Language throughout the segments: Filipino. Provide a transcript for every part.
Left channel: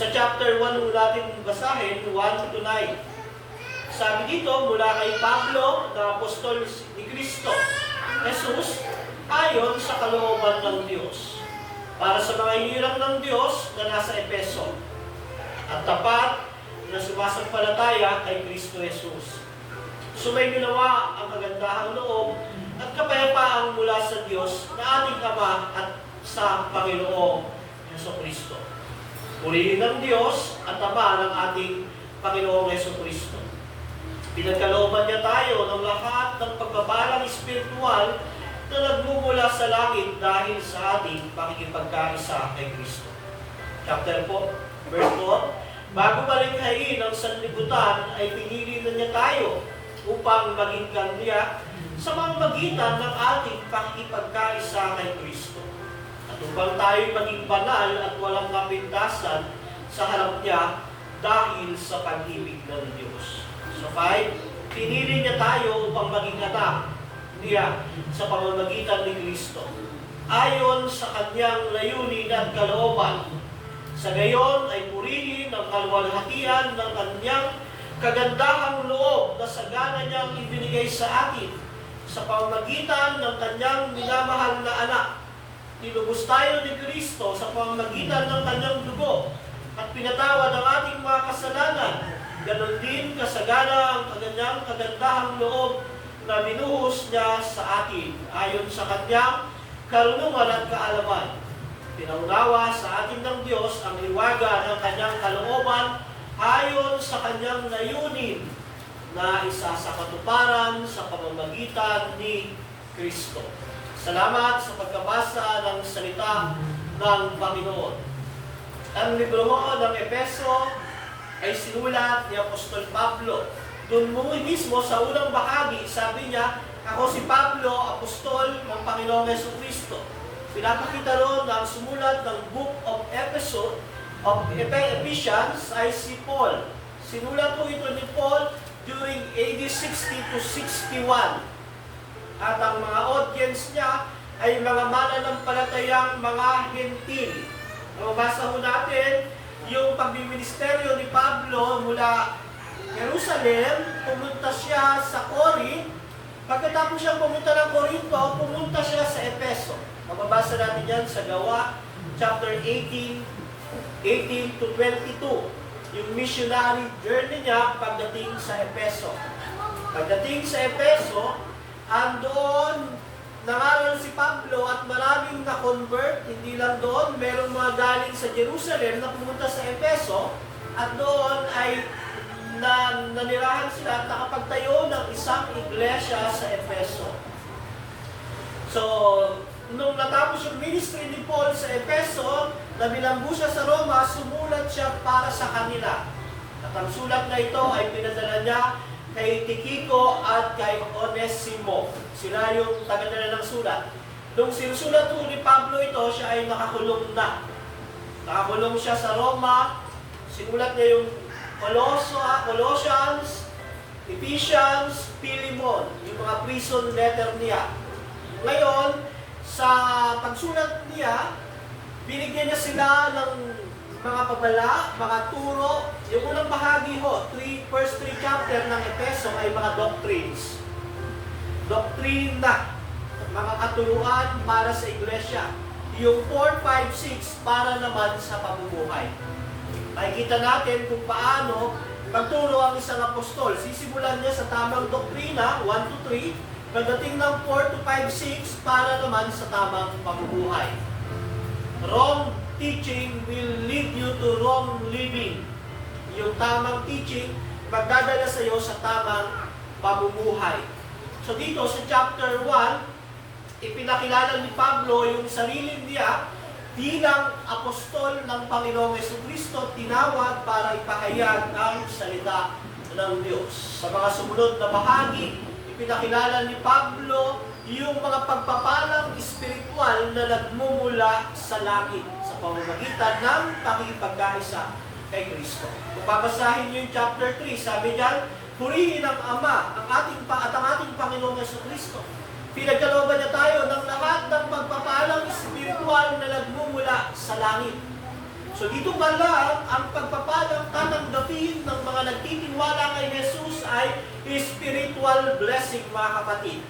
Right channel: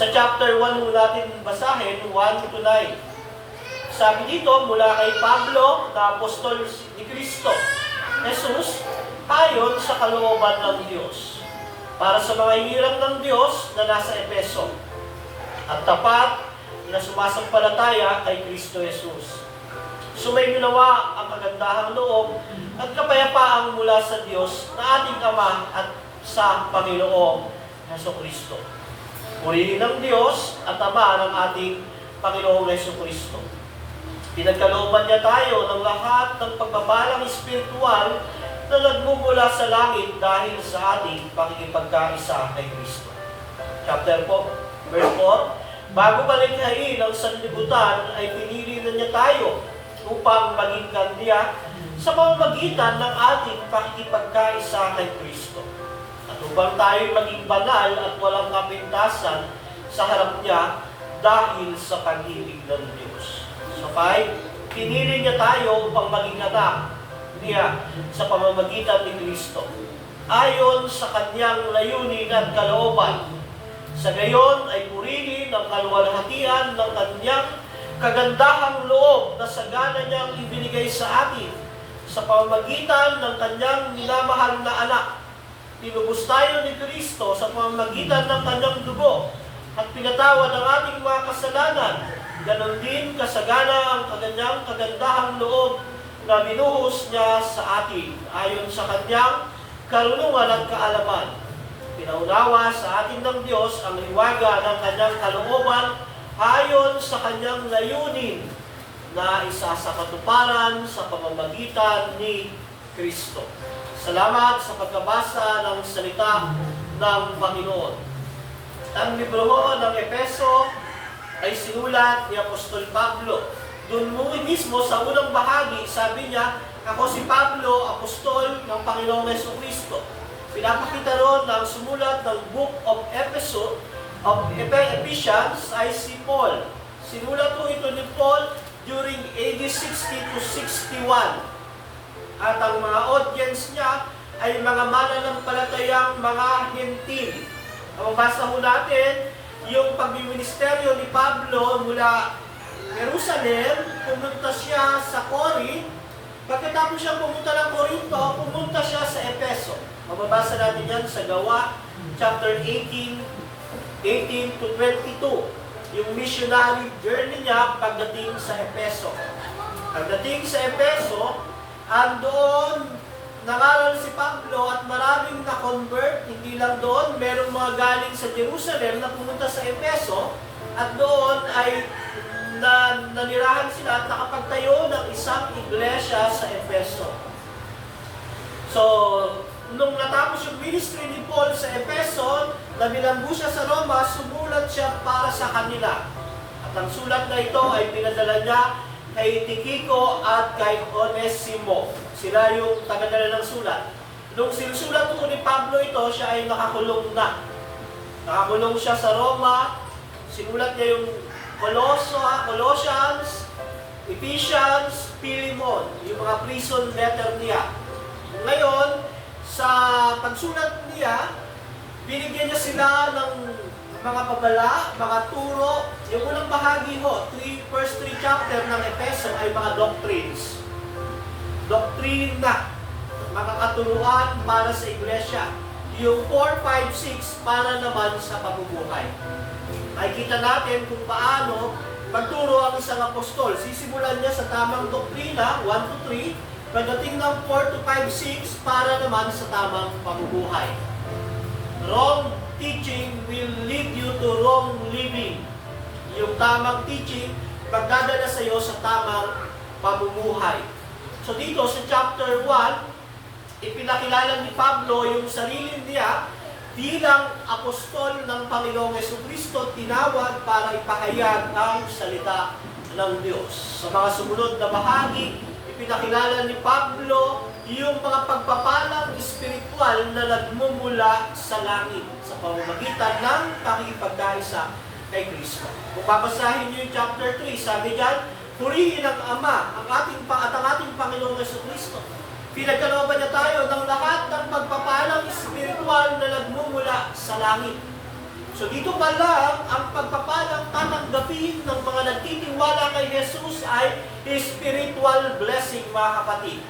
Sa chapter 1 natin basahin, 1 to 9. Sabi dito, mula kay Pablo, na apostol ni Kristo, Jesus, ayon sa kalooban ng Diyos, para sa mga hinirang ng Diyos na nasa Efeso, at tapat na sumasampalataya kay Kristo Jesus. Sumainyo nawa ang kagandahang loob at kapayapaang mula sa Diyos na ating Ama at sa Panginoong Jesucristo. Purihin ng Diyos at Ama ng ating Panginoong Jesucristo. Pinagkalooban niya tayo ng lahat ng pagbabalang espiritual na nagmumula sa langit dahil sa ating pakikipagkaisa kay Kristo. Chapter 4, verse 4. Bago malikhain ang sanlibutan, ay pinili na niya tayo upang maging kandya sa pamamagitan ng ating pakikipagkaisa kay Kristo. At upang tayo maging banal at walang kapintasan sa harap niya dahil sa pag-ibig ng Diyos. So 5, pinili niya tayo upang maging anak niya sa pamamagitan ni Kristo, ayon sa kanyang layunin at kalooban. Sa gayon ay purihin ang kaluwalhatian ng kanyang kagandahang loob na sagana niyang ibinigay sa atin sa pamamagitan ng kanyang minamahal na anak. Tinubos tayo ni Kristo sa pamamagitan ng kanyang dugo at pinatawad ang ating mga kasalanan. Ganon din kasagana ang kanyang kagandahang loob na binuhos niya sa atin ayon sa kanyang karunungan at kaalaman. Pinaunawa sa atin ng Diyos ang hiwaga ng kanyang kalooban ayon sa kanyang layunin na isa sa katuparan sa pamamagitan ni Kristo. Salamat sa pagkabasa ng salita ng Panginoon. Ang libro ng Efeso ay sinulat ni Apostol Pablo. Doon mismo sa unang bahagi, sabi niya, ako si Pablo, apostol ng Panginoong Jesucristo. Pinapakita roon na ang sumulat ng Book of Ephesians ay si Paul. Sinulat po ito ni Paul during AD 60 to 61. At ang mga audience niya ay mga mananampalatayang mga hentil. Mabasa ho natin yung pagbiministeryo ni Pablo mula Jerusalem, pumunta siya sa Corinth. Pagkatapos siya pumunta ng Corinto, pumunta siya sa Efeso. Mababasa natin yan sa Gawa, chapter 18 to 22. Yung missionary journey niya pagdating sa Efeso. Pagdating sa Efeso, andoon nangaral si Pablo at maraming na-convert. Hindi lang doon, merong mga galing sa Jerusalem na pumunta sa Efeso at doon ay nanirahan sila at nakapagtayo ng isang iglesia sa Efeso. So, nung natapos yung ministry ni Paul sa Efeso, nabilanggo siya sa Roma, sumulat siya para sa kanila. At ang sulat na ito ay pinadala niya kay Tikiko at kay Onesimo. Sila yung tagadala ng sulat. Nung sinusulat po ni Pablo ito, siya ay nakakulong na. Nakakulong siya sa Roma. Sinulat niya yung Colossians, Ephesians, Philemon, yung mga prison letter niya. Ngayon, sa pagsulat niya, binigyan niya sila ng mga babala, mga turo. Yung unang bahagi ho, first 3 chapter ng Efeso ay mga doctrines. Doctrine na, mga katuruan para sa iglesia. Yung 4, 5, 6 para naman sa pamumuhay. Makikita natin kung paano magturo ang isang apostol. Sisimulan niya sa tamang doktrina, 1 to 3. Pagdating ng 4 to 5, 6, para naman sa tamang pamumuhay. Wrong teaching will lead you to wrong living. Yung tamang teaching, magdadala sa iyo sa tamang pamumuhay. So dito sa chapter 1, ipinakilala ni Pablo yung sarili niya bilang apostol ng Panginoong Jesucristo, tinawag para ipahayag ang salita ng Diyos. Sa mga sumunod na bahagi, ipinakilala ni Pablo yung mga pagpapalang espiritual na nagmumula sa langit sa pamamagitan ng pakikipagkaisa kay Kristo. Kung babasahin niyo yung chapter 3, sabi diyan, purihin ang Ama ang ating Panginoong Jesucristo. Pinagkalooban niya tayo ng lahat ng pagpapalang espiritual na nagmumula sa langit. So dito pa lang, ang pagpapalang tatanggapin ng mga nagtitiwala kay Jesus ay spiritual blessing, mga kapatid.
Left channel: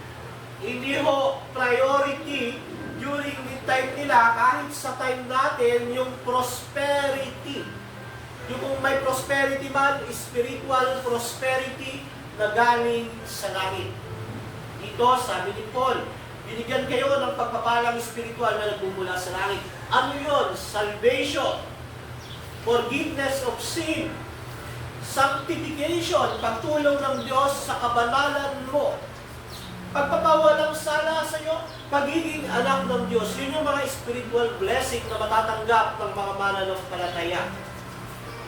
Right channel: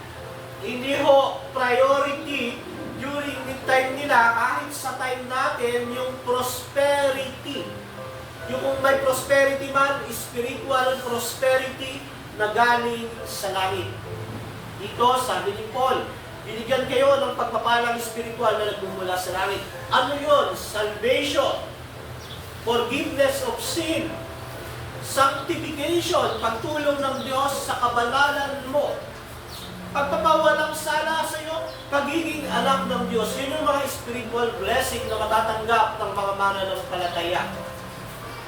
Hindi ho priority during the time nila, kahit sa time natin, yung prosperity. Yung kung may prosperity man, spiritual prosperity na galing sa langit. Dito, sabi ni Paul, binigyan kayo ng pagpapalang spiritual na nagmumula sa langit. Ano yun? Salvation, forgiveness of sin, sanctification, pagtulong ng Diyos sa kabanalan mo, pagpapawalang sala sa iyo, pagiging anak ng Diyos. Yun yung mga spiritual blessing na matatanggap ng mga mananampalataya.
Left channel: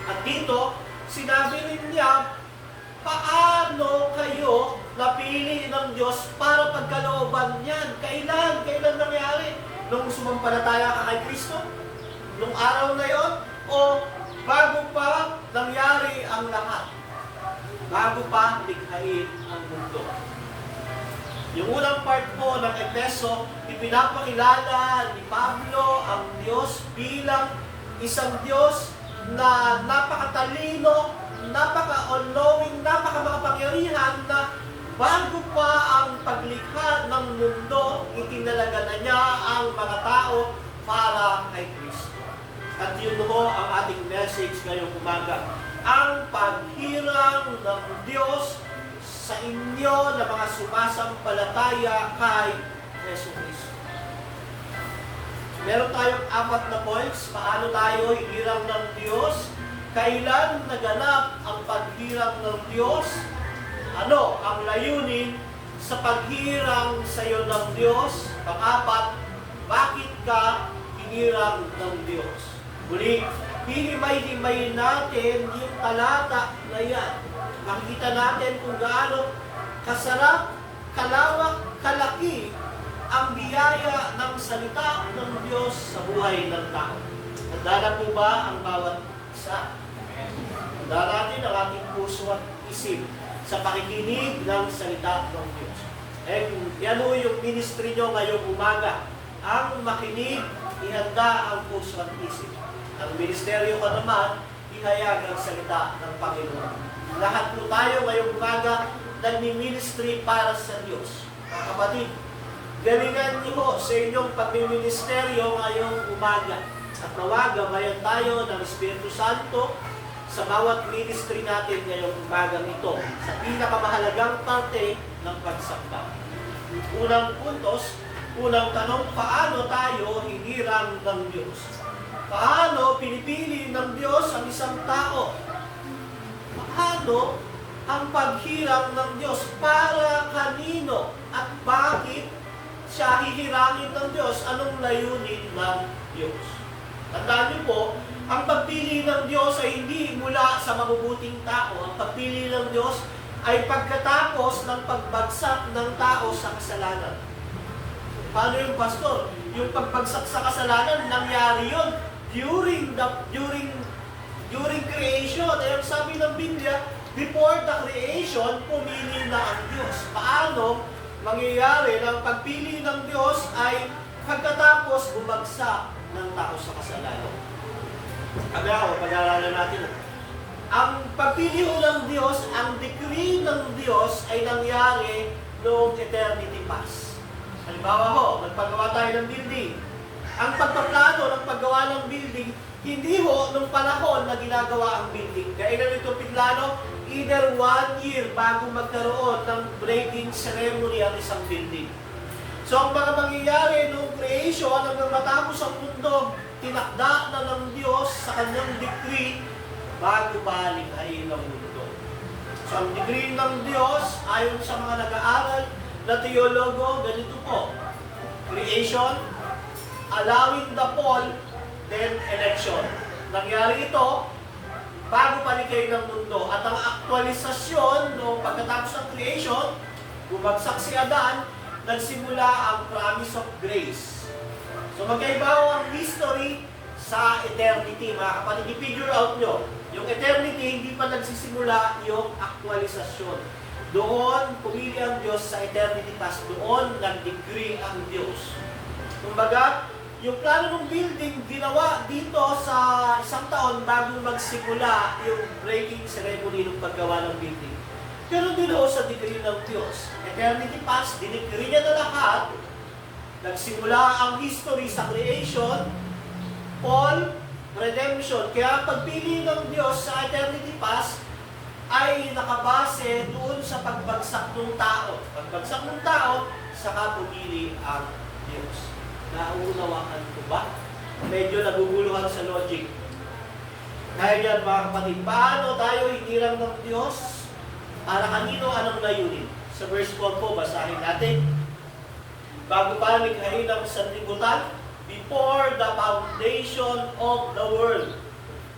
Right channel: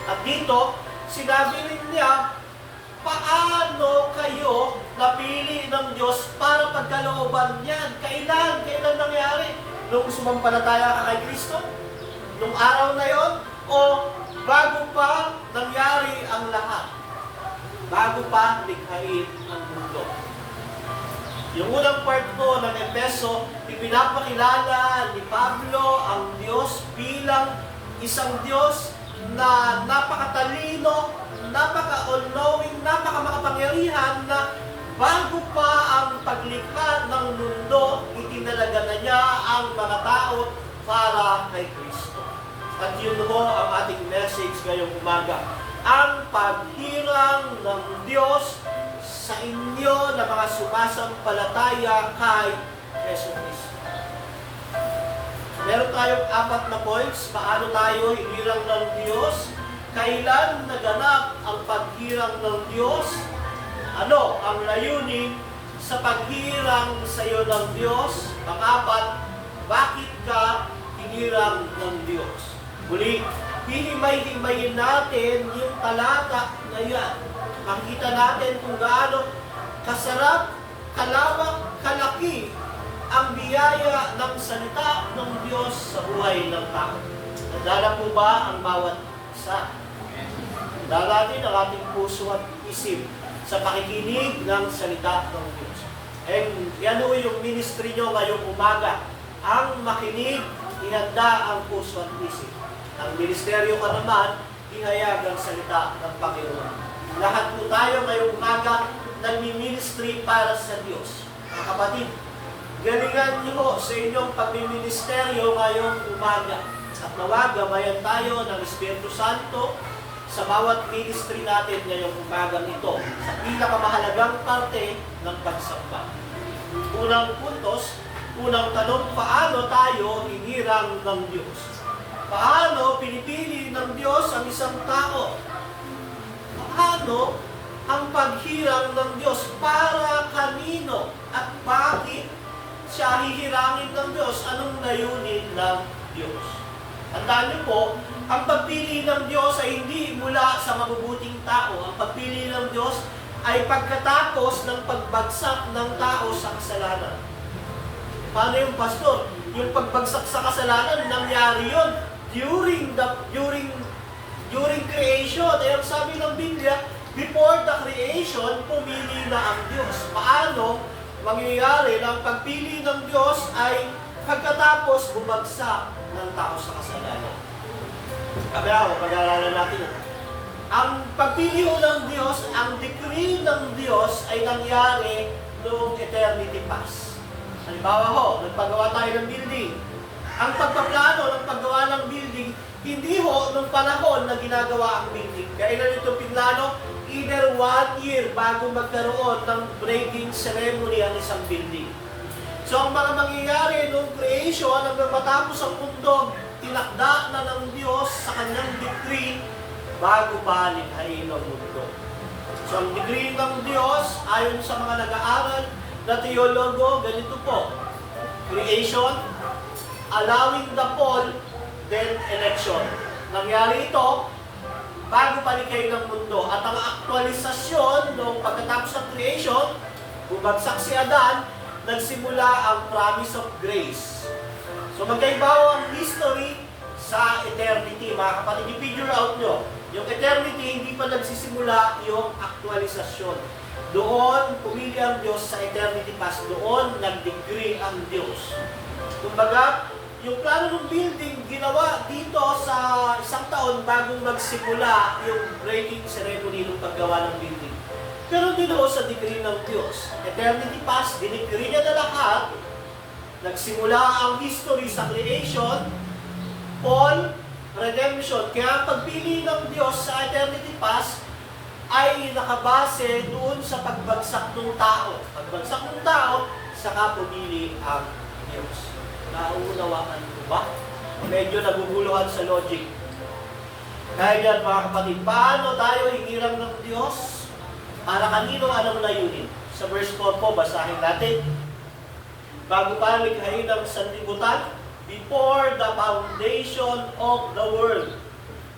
At dito, sinabi rin niya, paano kayo napili ng Diyos para pagkalooban niyan? Kailan nangyari? Nung sumampalataya ka kay Kristo? Nung araw na yon? O bago pa nangyari ang lahat? Bago pa likhain ang mundo? Yung unang part po ng Efeso, ipinapakilala ni Pablo ang Diyos bilang isang Diyos na napakatalino, napaka-all-knowing, napaka-makapangyarihan na bago pa ang paglikha ng mundo, itinalaga na niya ang mga tao para kay Kristo. At yun ho ang ating message ngayong umaga. Ang paghirang ng Diyos sa inyo na mga sumasampalataya kay Yesu Cristo. Meron tayong 4 na points. Paano tayo hinirang ng Diyos? Kailan naganap ang paghirang ng Diyos? Ano ang layunin sa paghirang sa iyo ng Diyos? Pang-4, bakit ka hinirang ng Diyos? Muli, hihimay-himayin natin yung talata na yan. Makikita natin kung gaano kasarap, kalawak, kalaki ang biyaya ng salita ng Diyos sa buhay ng tao. Nadala po ba ang bawat isa? Nadala natin ang ating puso at isip sa pakikinig ng salita ng Diyos. And yan ho yung ministry nyo ngayong umaga. Ang makinig, ihanda ang puso at isip. Ang ministeryo ka naman, ihayag ang salita ng Panginoon. Lahat po tayo ngayong umaga nagmi-ministry para sa Diyos. Mga kapatid, galingan niyo sa inyong pagmiministeryo ngayong umaga. At nawag, gabayan tayo ng Espiritu Santo sa bawat ministry natin ngayong umagang ito, sa pinakamahalagang parte ng pagsamba. Unang puntos, unang tanong, paano tayo hinirang ng Diyos? Paano pinipili ng Diyos ang isang tao? Paano ang paghirang ng Diyos? Para kanino? At bakit siya hihirangin ng Diyos? Anong layunin ng Diyos? Tandaan niyo po, ang pagpili ng Diyos ay hindi mula sa mabubuting tao. Ang pagpili ng Diyos ay pagkatapos ng pagbagsak ng tao sa kasalanan. Paano yung pastor? Yung pagbagsak sa kasalanan, nangyari yun during creation. Ay ang sabi ng Biblia, before the creation, pumili na ang Diyos. Paano mangyayari na ang pagpili ng Diyos ay pagkatapos bumagsak ng tao sa kasalanan? Kaya pag-aaralan natin. Ang pagpili ng Diyos, ang decree ng Diyos ay nangyari noong eternity past. Halimbawa ho, nagpagawa tayo ng building. Ang pagpaplano ng paggawa ng building, hindi ho nung panahon na ginagawa ang building. Kailan ito pinlano? Either 1 year bago magkaroon ng breaking ceremony ang isang building. So ang mga mangyayari nung creation hanggang matapos ang mundo, tinakda na ng Diyos sa kanyang decree bago pa likhain ang mundo. So ang decree ng Diyos, ayon sa mga nag-aaral na teologo, ganito po. Creation, allowing the fall, then election. Nangyari ito bago pa likhain ng mundo. At ang aktualisasyon noong pagkatapos ng creation, bumagsak si Adan, nagsimula ang promise of grace. So magkaiba ang history sa eternity. Mga kapatid, i-figure out nyo. Yung eternity, hindi pa nagsisimula yung aktualisasyon. Doon, pumili ang Diyos sa eternity past. Doon, nag-decree ang Diyos. Kumbaga, Yung plano ng building, ginawa dito sa isang taon bagong magsimula yung breaking ceremony ng paggawa ng building. Pero din ho sa decree ng Diyos. Eternity past, dinikree niya na lahat. Nagsimula ang history sa creation, all, redemption. Kaya ang pagpili ng Diyos sa eternity past ay nakabase doon sa pagbagsak ng tao. Pagbagsak ng tao, saka pumili ang Diyos. Nauunawaan ko ba? Medyo naguguluhan sa logic. Kaya yan mga kapatid, paano tayo hinirang ng Diyos? Para kanino, anong layunin? Sa verse 4 po, basahin natin. Bago pa likhain ng sanlibutan, before the foundation of the world,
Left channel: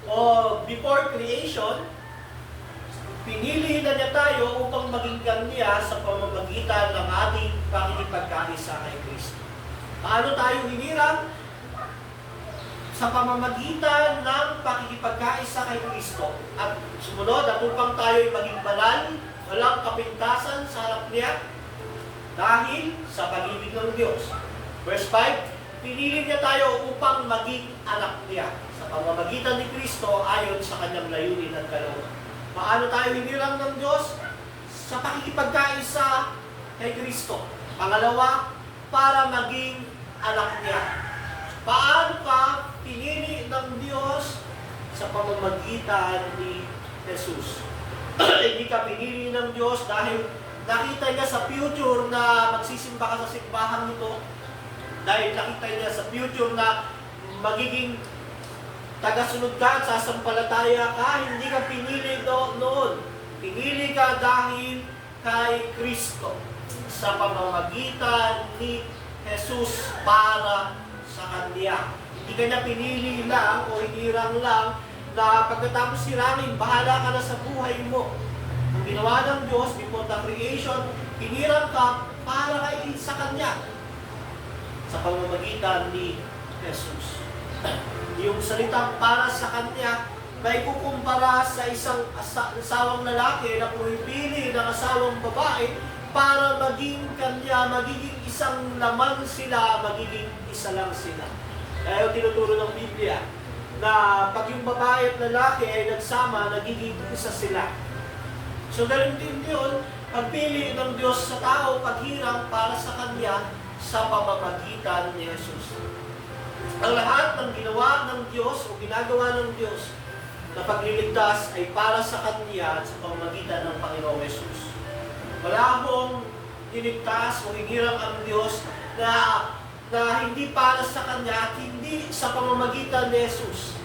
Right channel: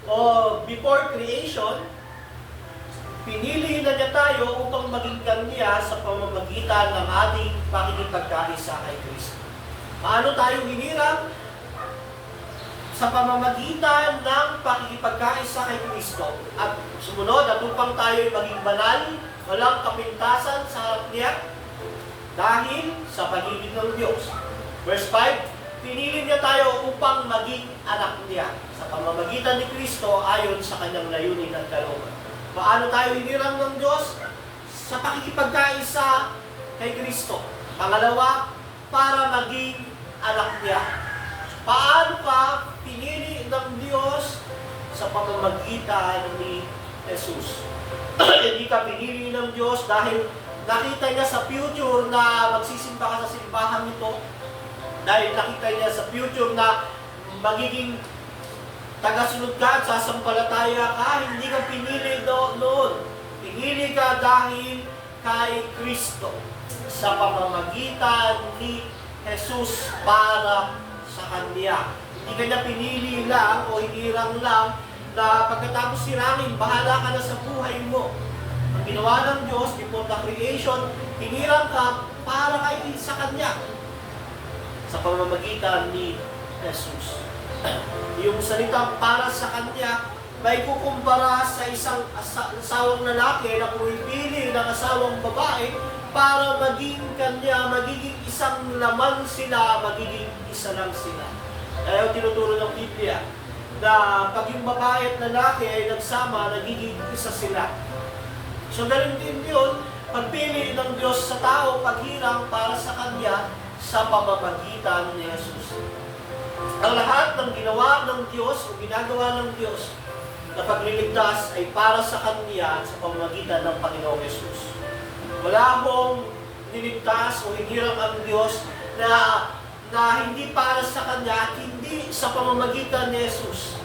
o before creation, pinili na niya tayo upang maging kanya sa pamamagitan ng ating pakikipagkaisa kay Kristo. Paano tayo hinirang? Sa pamamagitan ng pakikipagkaisa kay Kristo. At sumunod, at upang tayo maging banal, walang kapintasan sa harap niya, dahil sa pag-ibig ng Diyos. Verse 5, pinili niya tayo upang maging anak niya sa pamamagitan ni Kristo ayon sa kanyang layunin at kalooban. Paano tayo hinirang ng Diyos? Sa pakikipagkaisa kay Kristo. Pangalawa, para maging anak niya. Paano ka pinili ng Diyos? Sa pamamagitan ni Jesus. Hindi ka pinili ng Diyos dahil nakita niya sa future na magsisimba ka sa simbahan nito. Dahil nakita niya sa future na magiging tagasunod ka at sasampalataya ka. Hindi ka pinili noon. Pinili ka dahil kay Kristo. Sa pamamagitan ni Jesus para sa Kanya. Hindi ka niya pinili lang o hinirang lang na pagkatapos sirangin, bahala ka na sa buhay mo. Ang ginawa ng Diyos before the creation, hinirang ka para kay sa Kanya. Sa pamamagitan ni Jesus. Yung salitang para sa Kanya, may kukumpara sa isang asawang lalaki na pumipili ng asawang babae para maging kanya, magiging isang laman sila, magiging isa lang sila. Kaya tinuturo ng Biblia na pag yung babae at lalaki ay nagsama, nagiging isa sila. So ganun din yun, pagpili ng Diyos sa tao, paghirang para sa Kanya sa pamamagitan ni Jesus. Ang lahat ng ginawa ng Diyos o ginagawa ng Diyos na pagliligtas ay para sa Kanya at sa pamamagitan ng Panginoong Jesus. Wala akong niligtas o hinirang ang Diyos na hindi para sa Kanya at hindi sa pamamagitan ni Jesus.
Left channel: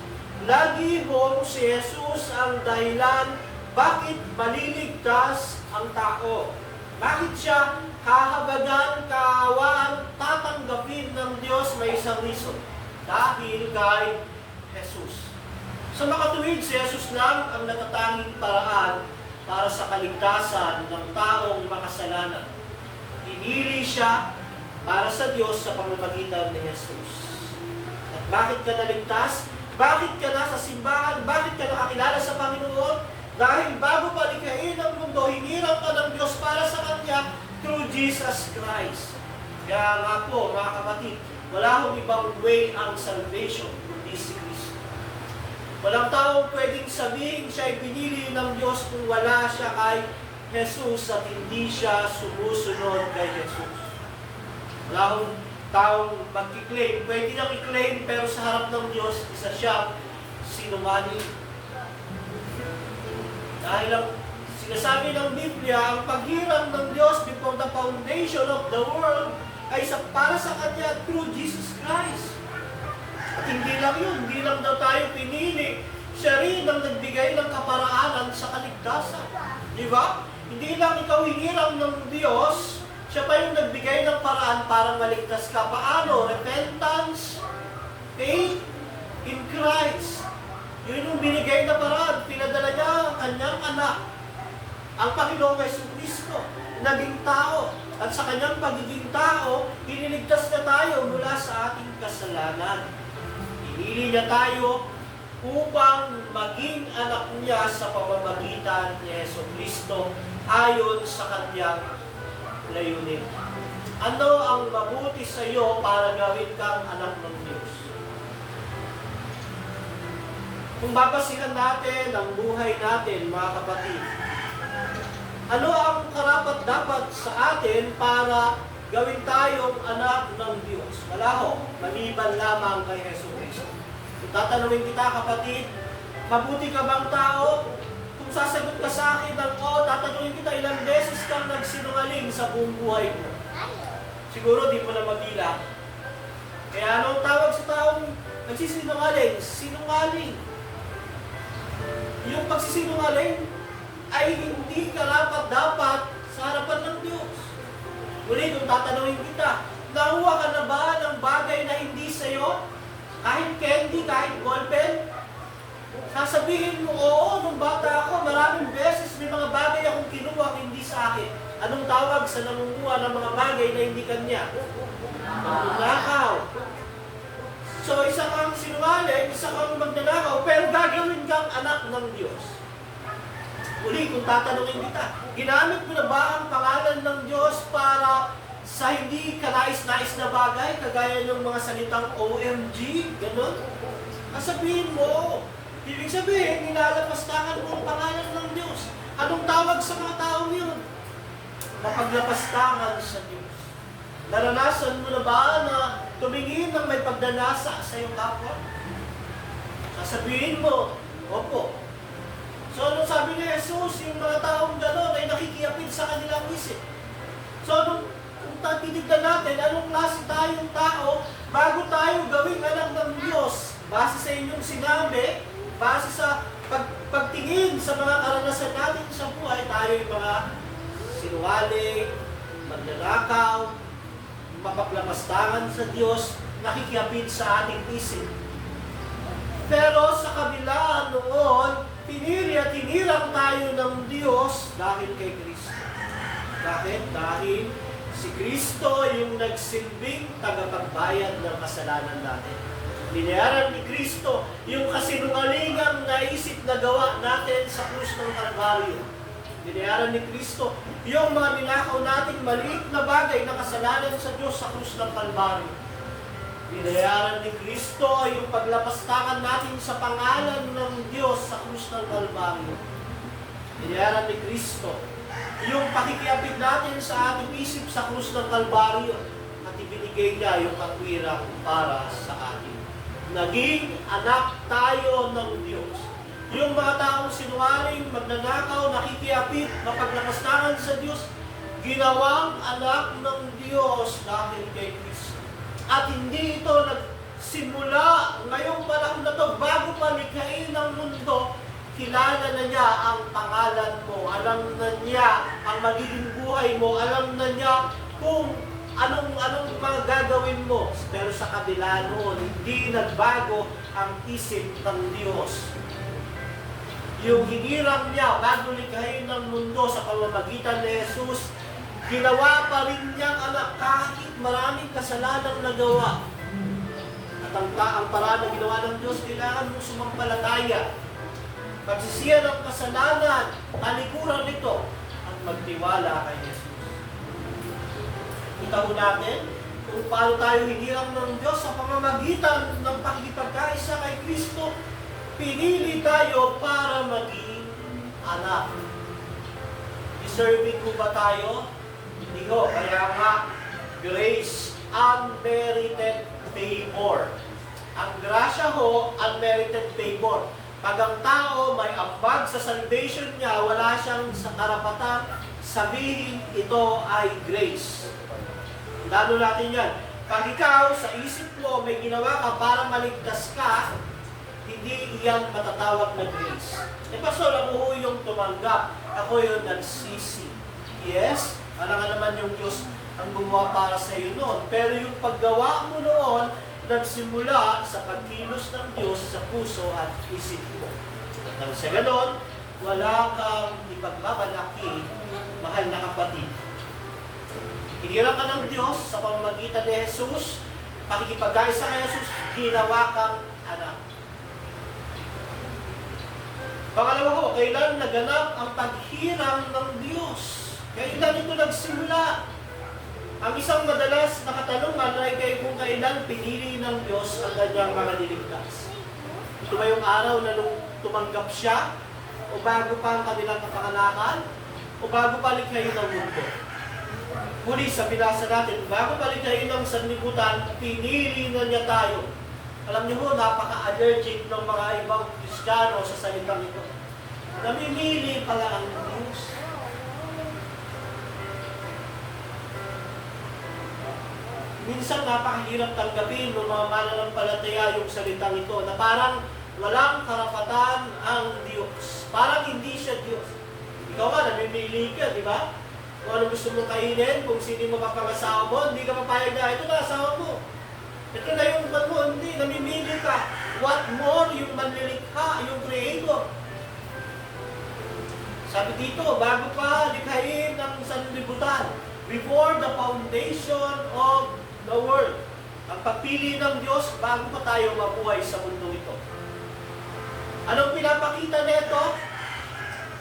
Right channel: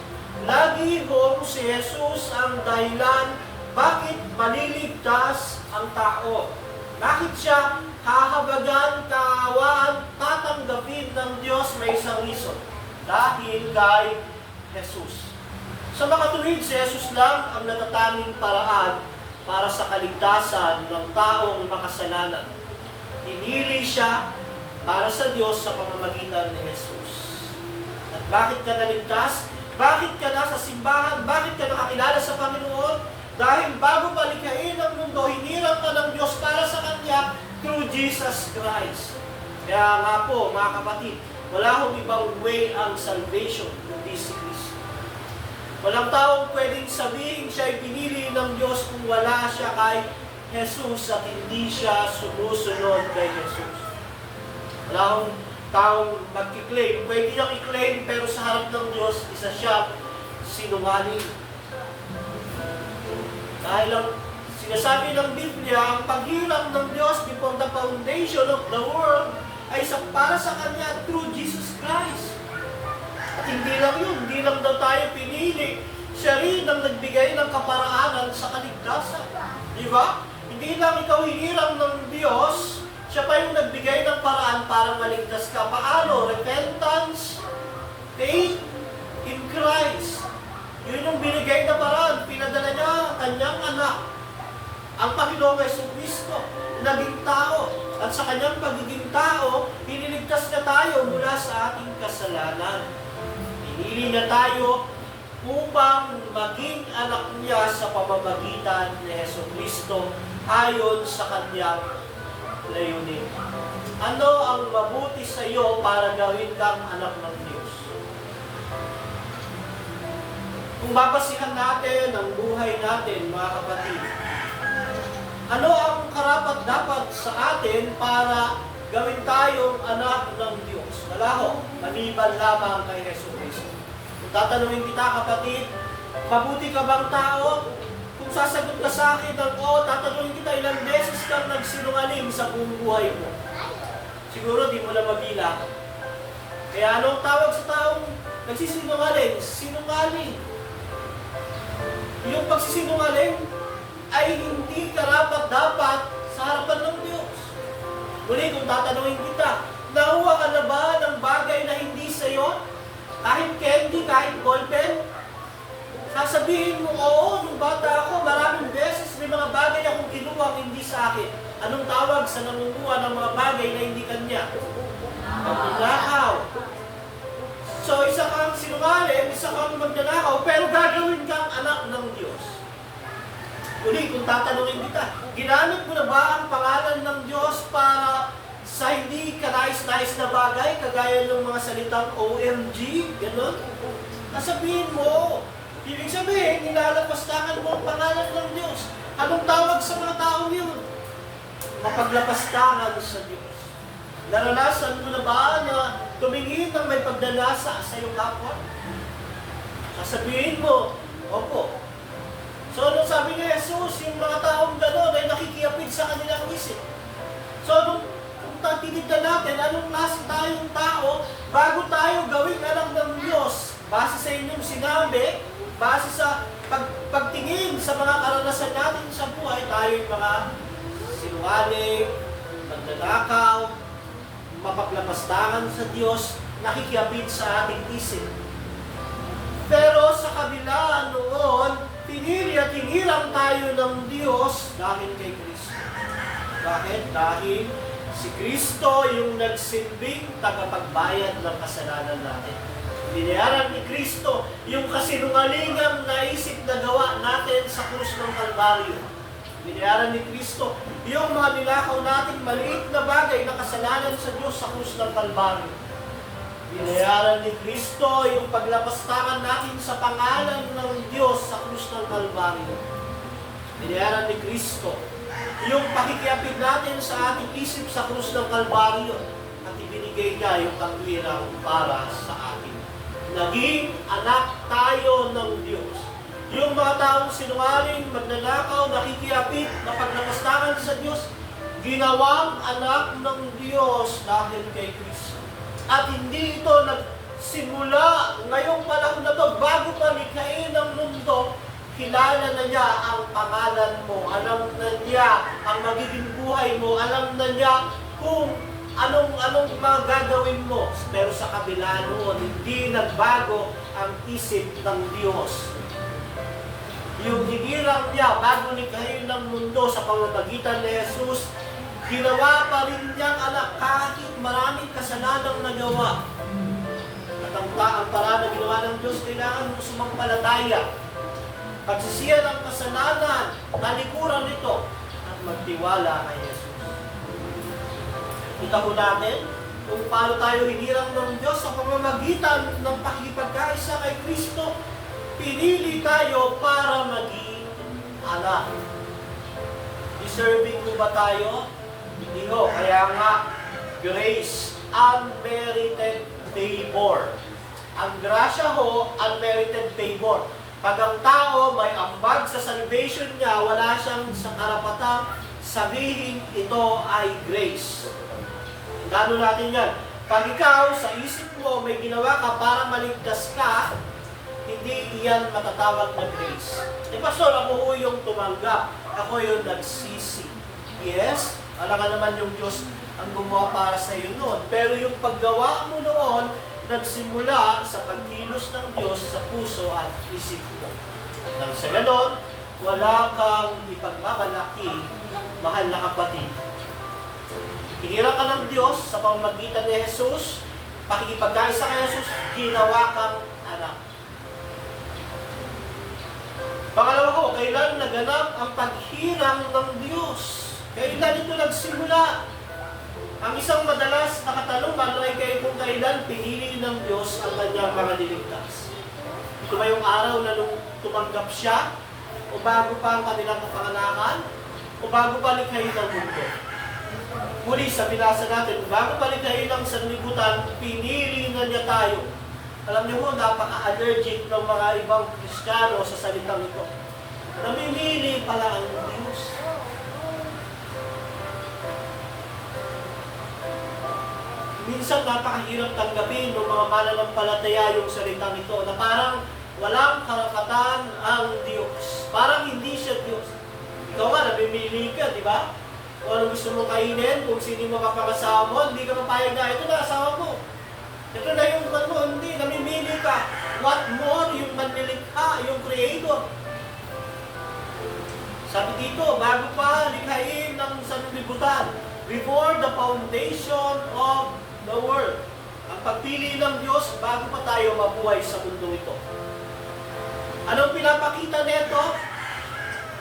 Lagi hong si Jesus ang dahilan bakit maliligtas ang tao. Bakit siya kahabagan, kaawaan, tatanggapin ng Diyos, may isang reason. Dahil kay Jesus. Sa makatuwid, si Jesus lang ang natatanging paraan para sa kaligtasan ng taong makasalanan. Hinili siya para sa Diyos sa pamamagitan ni Jesus. At bakit ka naligtas? Bakit ka nasa simbahan? Bakit ka nakakilala sa Panginoon? Dahil bago palikhain ang mundo, hinirang ka ng Diyos para sa Kanya through Jesus Christ. Kaya nga po, mga kapatid, wala hong ibang way ang salvation kundi si Kristo. Walang taong pwedeng sabihin siya ay pinili ng Diyos kung wala siya kay Jesus at hindi siya sumusunod kay Jesus. Wala akong taong mag-claim. Pwede niyang i-claim pero sa harap ng Diyos, isa siya sinungaling. Dahil ang sinasabi ng Biblia, ang paghirang ng Diyos before the foundation of the world ay para sa Kanya through Jesus Christ. At hindi lang yun, hindi lang daw tayo pinili. Siya rin ang nagbigay ng kaparaanan sa kaligtasan. Di ba? Hindi lang ikaw hinirang ng Diyos, siya pa yung nagbigay ng paraan para maligtas ka. Paano? Repentance, faith in Christ. Yun yung binigay na paraan. Pinadala niya ang kanyang anak, ang Panginoong Jesucristo, naging tao. At sa kanyang pagiging tao, hiniligtas na tayo mula sa ating kasalanan. Pinili niya tayo upang maging anak niya sa pamamagitan ni Jesucristo ayon sa kanyang layunin. Ano ang mabuti sa iyo para gawin kang anak ng Diyos? Kung babasihan natin ang buhay natin, mga kapatid, ano ang karapat-dapat sa atin para gawin tayong anak ng Diyos? Wala ho, maliban lamang kay Hesus Kristo. Kung tatanungin kita, kapatid, mabuti ka bang tao? Kung sasagot ka sa akin ng oo, tatanungin kita, ilang beses kang nagsinungaling sa buong buhay mo? Siguro di mo na mabilang. Kaya anong tawag sa taong nagsisinungaling? Sinungaling. Yung pagsisinungaling ay hindi karapat-dapat sa harapan ng Diyos. Muli, kung tatanungin kita, nakuha ka na ba ng bagay na hindi sa'yo? Kahit candy, kahit ballpen? Sasabihin mo, oo, nung bata ako, maraming beses may mga bagay akong kinuha hindi sa akin. Anong tawag sa nangunguha ng mga bagay na hindi kanya? Magnanakaw. So, isa kang sinungaling, isa kang magnanakaw, pero gagawin kang anak ng Diyos. Uli, kung tatanungin kita, ginamit mo na ba ang pangalan ng Diyos para sa hindi kanais-nais na bagay, kagaya ng mga salitang OMG, gano'n? Nasabihin mo, ibig sabihin, inalapastangan mo ang pangalan ng Diyos. Anong tawag sa mga taong yun? Mapaglapastangan sa Diyos. Naranasan mo na ba na tumingin ng may pagdanasa sa iyong kapwa? Sasabihin mo, opo. So, anong sabi ni Jesus, yung mga taong gano'n ay nakikiapid sa kanilang isip. So, kung titignan natin, anong klase tayong tao bago tayo gawing anak ng Diyos? Base sa inyong sinabi, base sa pagtingin sa mga karanasan natin sa buhay, tayo yung mga sinungaling, magnanakaw, mapaplapastangan sa Diyos, nakikiapid sa ating isip. Pero sa kabila noon, pinili at hinilang tayo ng Diyos dahil kay Kristo. Bakit? Dahil si Kristo yung nagsilbing tagapagbayad ng kasalanan natin. Binayaran ni Kristo yung kasinungalingang naisip na gawa natin sa krus ng Kalbaryo. Binayaran ni Kristo yung mga ninakaw nating maliit na bagay na kasalanan sa Diyos sa krus ng Kalbaryo. Binayaran ni Kristo yung paglapastangan natin sa pangalan ng Diyos sa krus ng Kalbaryo. Binayaran ni Kristo yung pakikiapid natin sa ating isip sa krus ng Kalbaryo. At ibinigay niya yung katwirang para sa atin. Naging anak tayo ng Diyos. Yung mga taong sinungaling, magnanakaw, nakikiapid, mapaglapastangan sa Diyos, ginawang anak ng Diyos dahil kay Kristo. At hindi ito nagsimula ngayong panahon na to, bago pa likhain ng mundo, kilala na niya ang pangalan mo, alam na niya ang magiging buhay mo, alam na niya kung anong mga gagawin mo. Pero sa kabila noon, hindi nagbago ang isip ng Diyos. Yung hinirang niya bago likhain ng mundo sa pamamagitan ni Jesus, ginawa pa rin niyang anak kahit maraming kasalanang nagawa. At ang paraan na ginawa ng Diyos, kailangan mo sumampalataya. Pagsisiya ng kasalanan, talikuran nito, at magtiwala kay Jesus. Kita mo natin kung paano tayo hinirang ng Diyos sa pamamagitan ng pakikipagkaisa kay Kristo. Pinili tayo para maging anak. Deserving ko ba tayo? Hindi ho. Kaya nga, grace, unmerited favor. Ang grasya ho, unmerited favor. Pag ang tao may ambag sa salvation niya, wala siyang sa karapatang sabihin ito ay grace. Gano natin yan? Pag ikaw sa isip mo may ginawa ka para maligtas ka, hindi iyan matatawag na grace. Pastor, ako yung tumanggap. Ako yung nagsisi. Yes, alam nga naman yung Diyos ang gumawa para sa iyo noon. Pero yung paggawa mo noon, nagsimula sa pagkilos ng Diyos sa puso at isip mo. At nang sa ganon, wala kang ipagmamalaki, mahal na kapatid. Hinirang ka ng Diyos sa pamamagitan ni Jesus, pakikipagkaisa kay Jesus, ginawa kang anak. Pangalawa ko, kailan naganap ang paghirang ng Diyos? Kailan ito nagsimula? Ang isang madalas na katanungan ay kung kailan pinili ng Diyos ang kanyang mga niligtas. Ito ba yung araw na nung tumanggap siya? O bago pa ang kanilang kapanganakan? O bago pa likhayin ang mundo? Muli sa binasa natin, bago pa likhayin ang sanlibutan, pinili na niya tayo. Alam niyo mo, napaka-allergic ng mga ibang Kristiyano sa salitang ito. Namimili pala ang Diyos. Minsan napakahirap tanggapin ng mga mananampalataya yung salitang ito na parang walang karapatan ang Diyos. Parang hindi siya Diyos. Ikaw nga, namimili ka, di ba? Kung ano gusto mo kainin, kung sino yung makapangasawa mo, hindi ka mapayag na, ito na asawa mo. Ito na yung mo, hindi, namimili ka. What more yung manlilikha, yung Creator. Sabi dito, bago pa likhain ng sanlibutan, before the foundation of the world. Ang pagpili ng Diyos bago pa tayo mabuhay sa mundo ito. Anong pinapakita nito?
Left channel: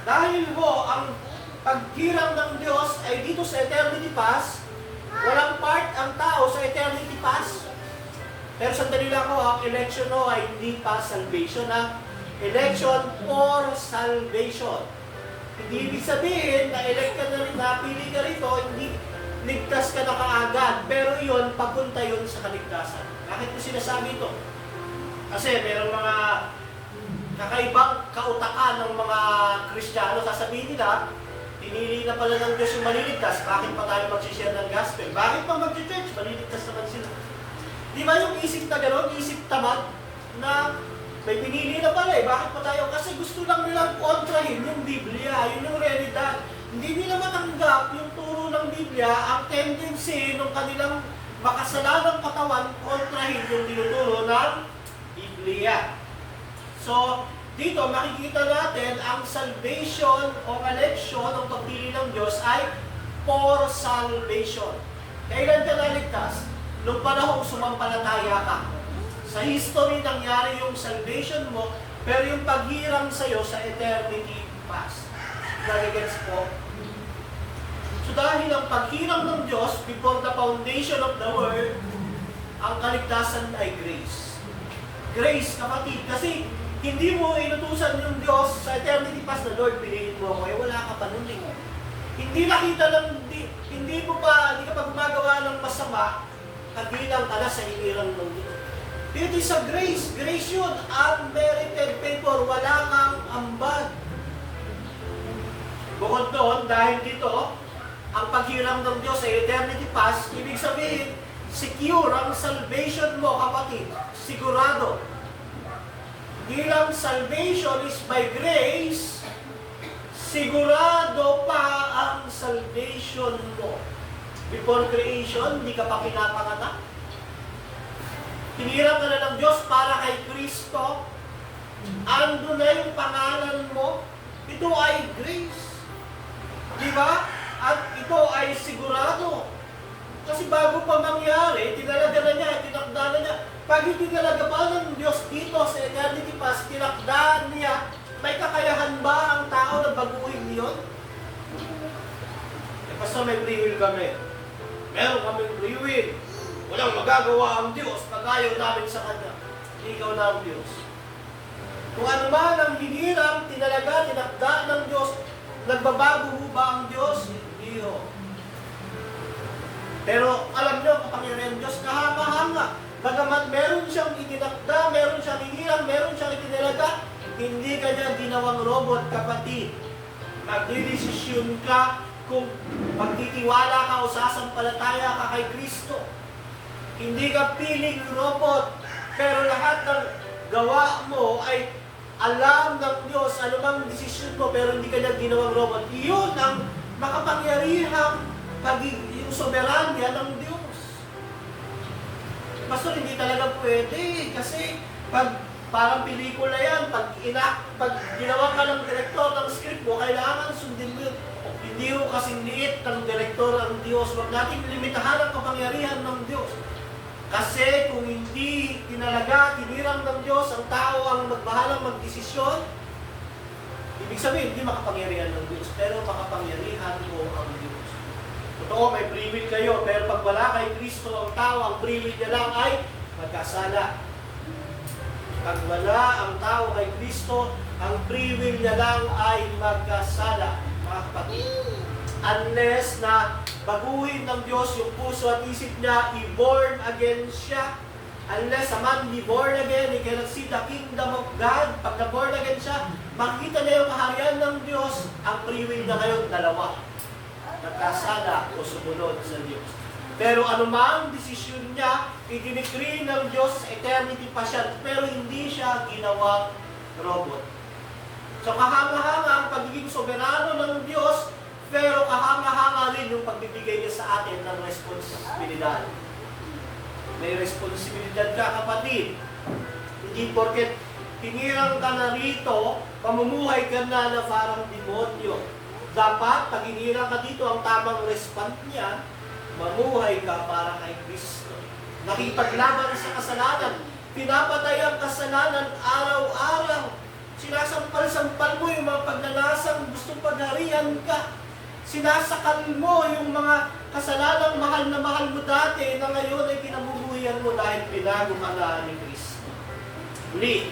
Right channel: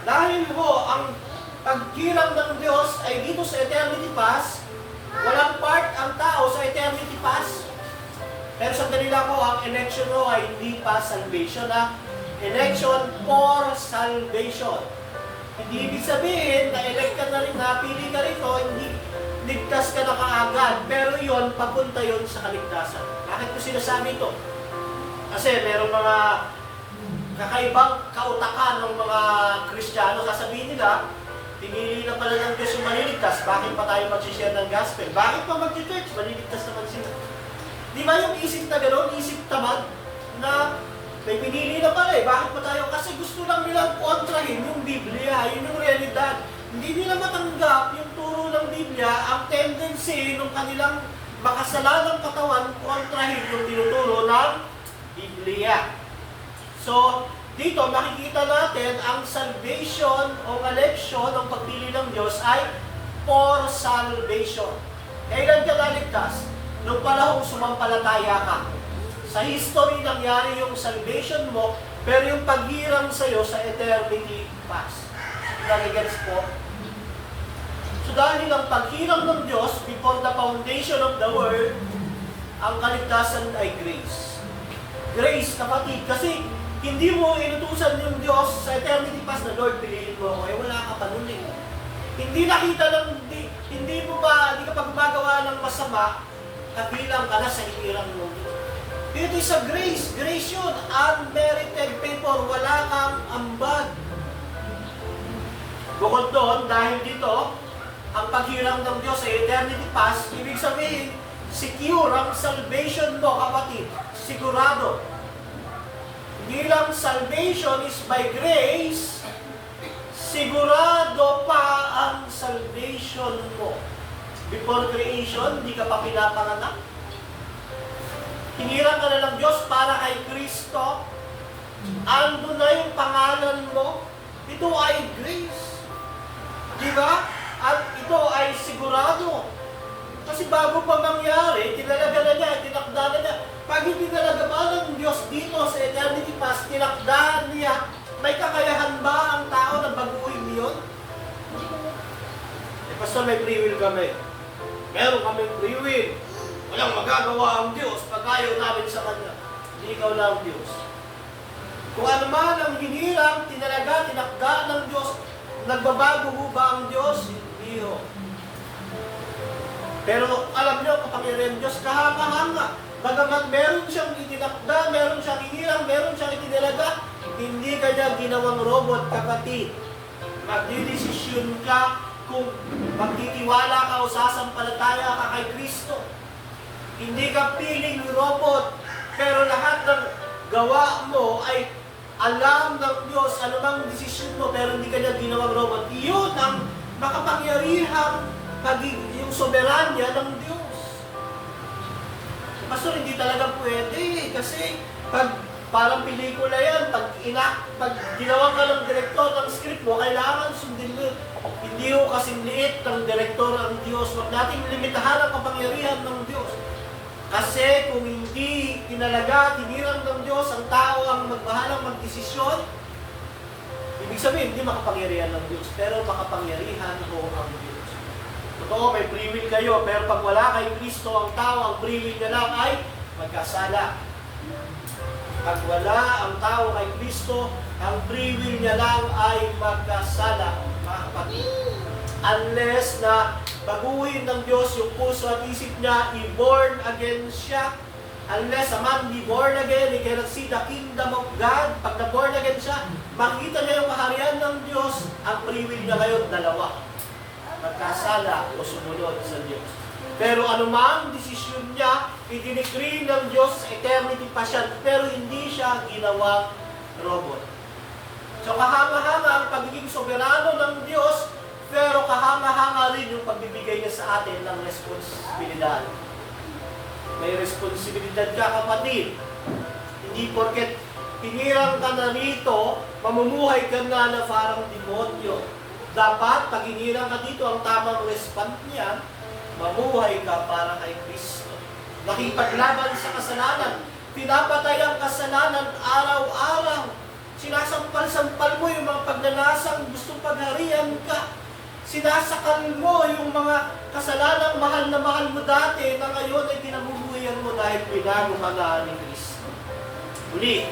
Dahil ho, ang pagkirang ng Diyos ay dito sa eternity past, walang part ang tao sa eternity past. Pero sandali lang ho, ang election ho ay hindi pa salvation, ha? Election for salvation. Hindi ibig sabihin na elect ka na rin, napili ka rito, hindi ligtas ka na kaagad. Pero iyon, papunta yun sa kaligtasan. Bakit ko sinasabi ito? Kasi merong mga kakaibang kautakan ng mga Kristiyano. Sasabihin nila, pinili na pala ng Diyos yung maliligtas, bakit pa tayo mag-share ng gospel? Bakit pa mag-church? Maliligtas naman sila. Di ba yung isip na gano'n, isip tamad, na may pinili na pala bakit pa tayo? Kasi gusto lang nilang kontrahin yung Biblia, yun yung realidad. Hindi nila matanggap yung turo ng Biblia, ang tendency ng kanilang makasalanang katawan kontrahin yung tinuturo ng Biblia. So, dito makikita natin ang salvation o election ng pagpili ng Diyos ay for salvation. Kailan ka naligtas? Nung panahong sumampalataya ka. Sa history nangyari yung salvation mo, pero yung paghirang sa'yo sa eternity past. Nagigets po? So dahil ang paghirang ng Diyos before the foundation of the world, ang kaligtasan ay grace. Grace, kapatid, kasi hindi mo inutusan yung Diyos sa eternity past na, Lord, piliin mo ako, wala ka pa nun eh. Hindi nakita lang, hindi ka pa gumagawa ng masama, kabilang ka na sa hirang ng Diyos. Dito sa grace, grace yun, unmerited favor, wala kang ambag. Bukod doon, dahil dito, ang paghirang ng Diyos sa eternity past, ibig sabihin, secure ang salvation mo, kapatid. Sigurado. Hindi lang salvation is by grace, sigurado pa ang salvation mo. Before creation, hindi ka pa pinapanganak. Hinirang ka na ng Diyos para kay Kristo. Ando na yung pangalan mo. Ito ay grace. Di ba? At ito ay sigurado. Kasi bago pa mangyari, tinalaga na niya, tinakda na niya. Pag hindi talaga ba ng Diyos dito sa eternity past, tinakda niya, may kakayahan ba ang tao na baguhin niyon? Pastor, may free will kami. Meron kaming free will. Walang magagawa ang Diyos pag ayaw namin sa Kanya. Hindi ikaw na ang Diyos. Kung ano man ang hinirang, tinalaga, tinakda ng Diyos, nagbabago mo ba ang Diyos? Hindi ho. Pero alam nyo, kapangyarihan ng Diyos, kahanga-hanga. Bagamat meron siyang itinakda, meron siyang hinirang, meron siyang itinalaga, hindi ka niya ginawang robot, kapatid. Magdidesisyon ka kung magtitiwala ka o sasampalataya ka kay Kristo. Hindi ka piling robot, pero lahat ng gawa mo ay alam ng Diyos, anumang desisyon mo, pero hindi ka niya ginawang robot. Iyon ang makapangyarihang yung soberanya ng Diyos. Pastor, hindi talaga pwede kasi parang pelikula yan, pag ginawa ka ng direktor ng script mo, kailangan sundin mo. Hindi ho kasing liit ng direktor ang Diyos. Huwag natin limitahan ang kapangyarihan ng Diyos. Kasi kung hindi tinalaga, tinirang ng Diyos, ang tao ang magbahalang magdesisyon, ibig sabihin, hindi makapangyarihan ng Diyos, pero makapangyarihan mo ang Diyos. Totoo, may free will kayo, pero pag wala kay Kristo ang tao, ang free will niya lang ay magkasala. Pag wala ang tao kay Kristo, ang free will niya lang ay magkasala, mga kapatid. Unless na baguhin ng Diyos yung puso at isip niya, i-born again siya. Unless a man be born again, he cannot see the kingdom of God. Pag na-born again siya, makikita niya yung kaharian ng Diyos. Ang free will niya ngayon, dalawa. Magkasala o sumunod sa Diyos. Pero anumang desisyon niya, i-decree ng Diyos sa eternity pa siya, pero hindi siya ginawang robot. So kahanga-hanga ang pagiging soberano ng Diyos, pero kahanga-hanga rin yung pagbibigay niya sa atin ng responsibilidad. May responsibilidad ka, kapatid. Hindi porket pinirang ka na rito, mamumuhay ka na parang demonyo. Dapat, pag hinirang ka dito, ang tamang response niya, mamuhay ka para kay Kristo. Nakipaglaban sa kasalanan. Pinapatay ang kasalanan araw-araw. Sinasampal-sampal mo yung mga pagnanasang gustong pagharian ka. Sinasakal mo yung mga kasalanang mahal na mahal mo dati na ngayon ay pinabubuhayan mo dahil pinago ka na ni Kristo. Muli,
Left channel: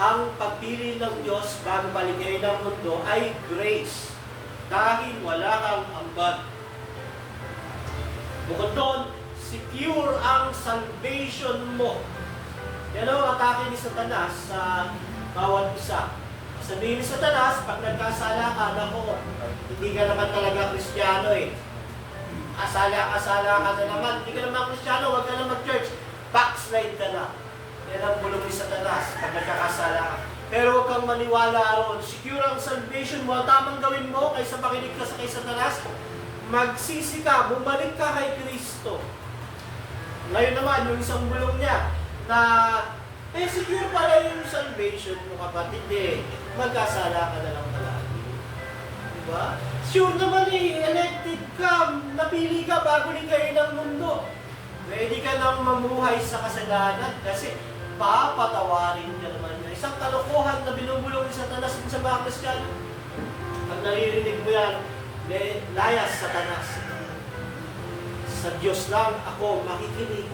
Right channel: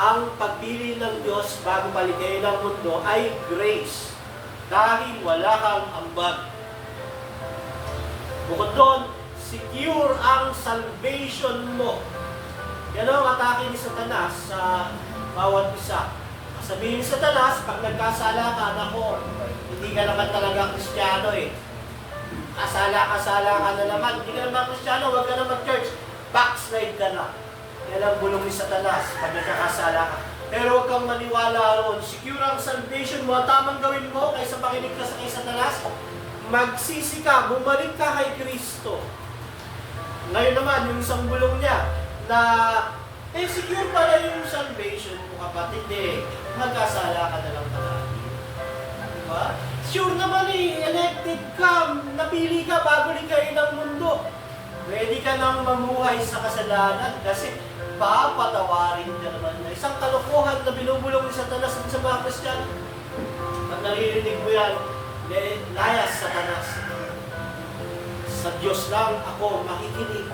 ang pagpili ng Diyos bago paligay ng mundo ay grace. Dahil wala kang ambag. Bukod doon, secure ang salvation mo. Yan ang atake ni Satanas sa bawat isa. Sabihin ni Satanas, pag nagkasala ka, nako, hindi ka naman talaga Kristiyano eh. Kasala ka na naman. Hindi ka naman Kristiyano, huwag ka na mag-church. Backslide ka na. Yan ang bulong ni Satanas pag nagkakasala ka. Pero huwag kang maniwala roon. Secure ang salvation mo. Ang tamang gawin mo kaysa makinig ka sa kay Satanas, magsisi ka, bumalik ka kay Kristo. Ngayon naman, yung isang bulong niya na secure pala yung salvation mo, kapatid eh. Magkasala ka na lang palagi. Diba? Sure naman elected ka, napili ka bago likhain ng mundo. Pwede ka nang mamuhay sa kasalanan kasi papatawarin ka naman. Isang kalokohan na binubulong ni Satanas sa mga Kristiyano. Pag naririnig mo yan, layas Satanas. Sa Diyos lang ako makikinig.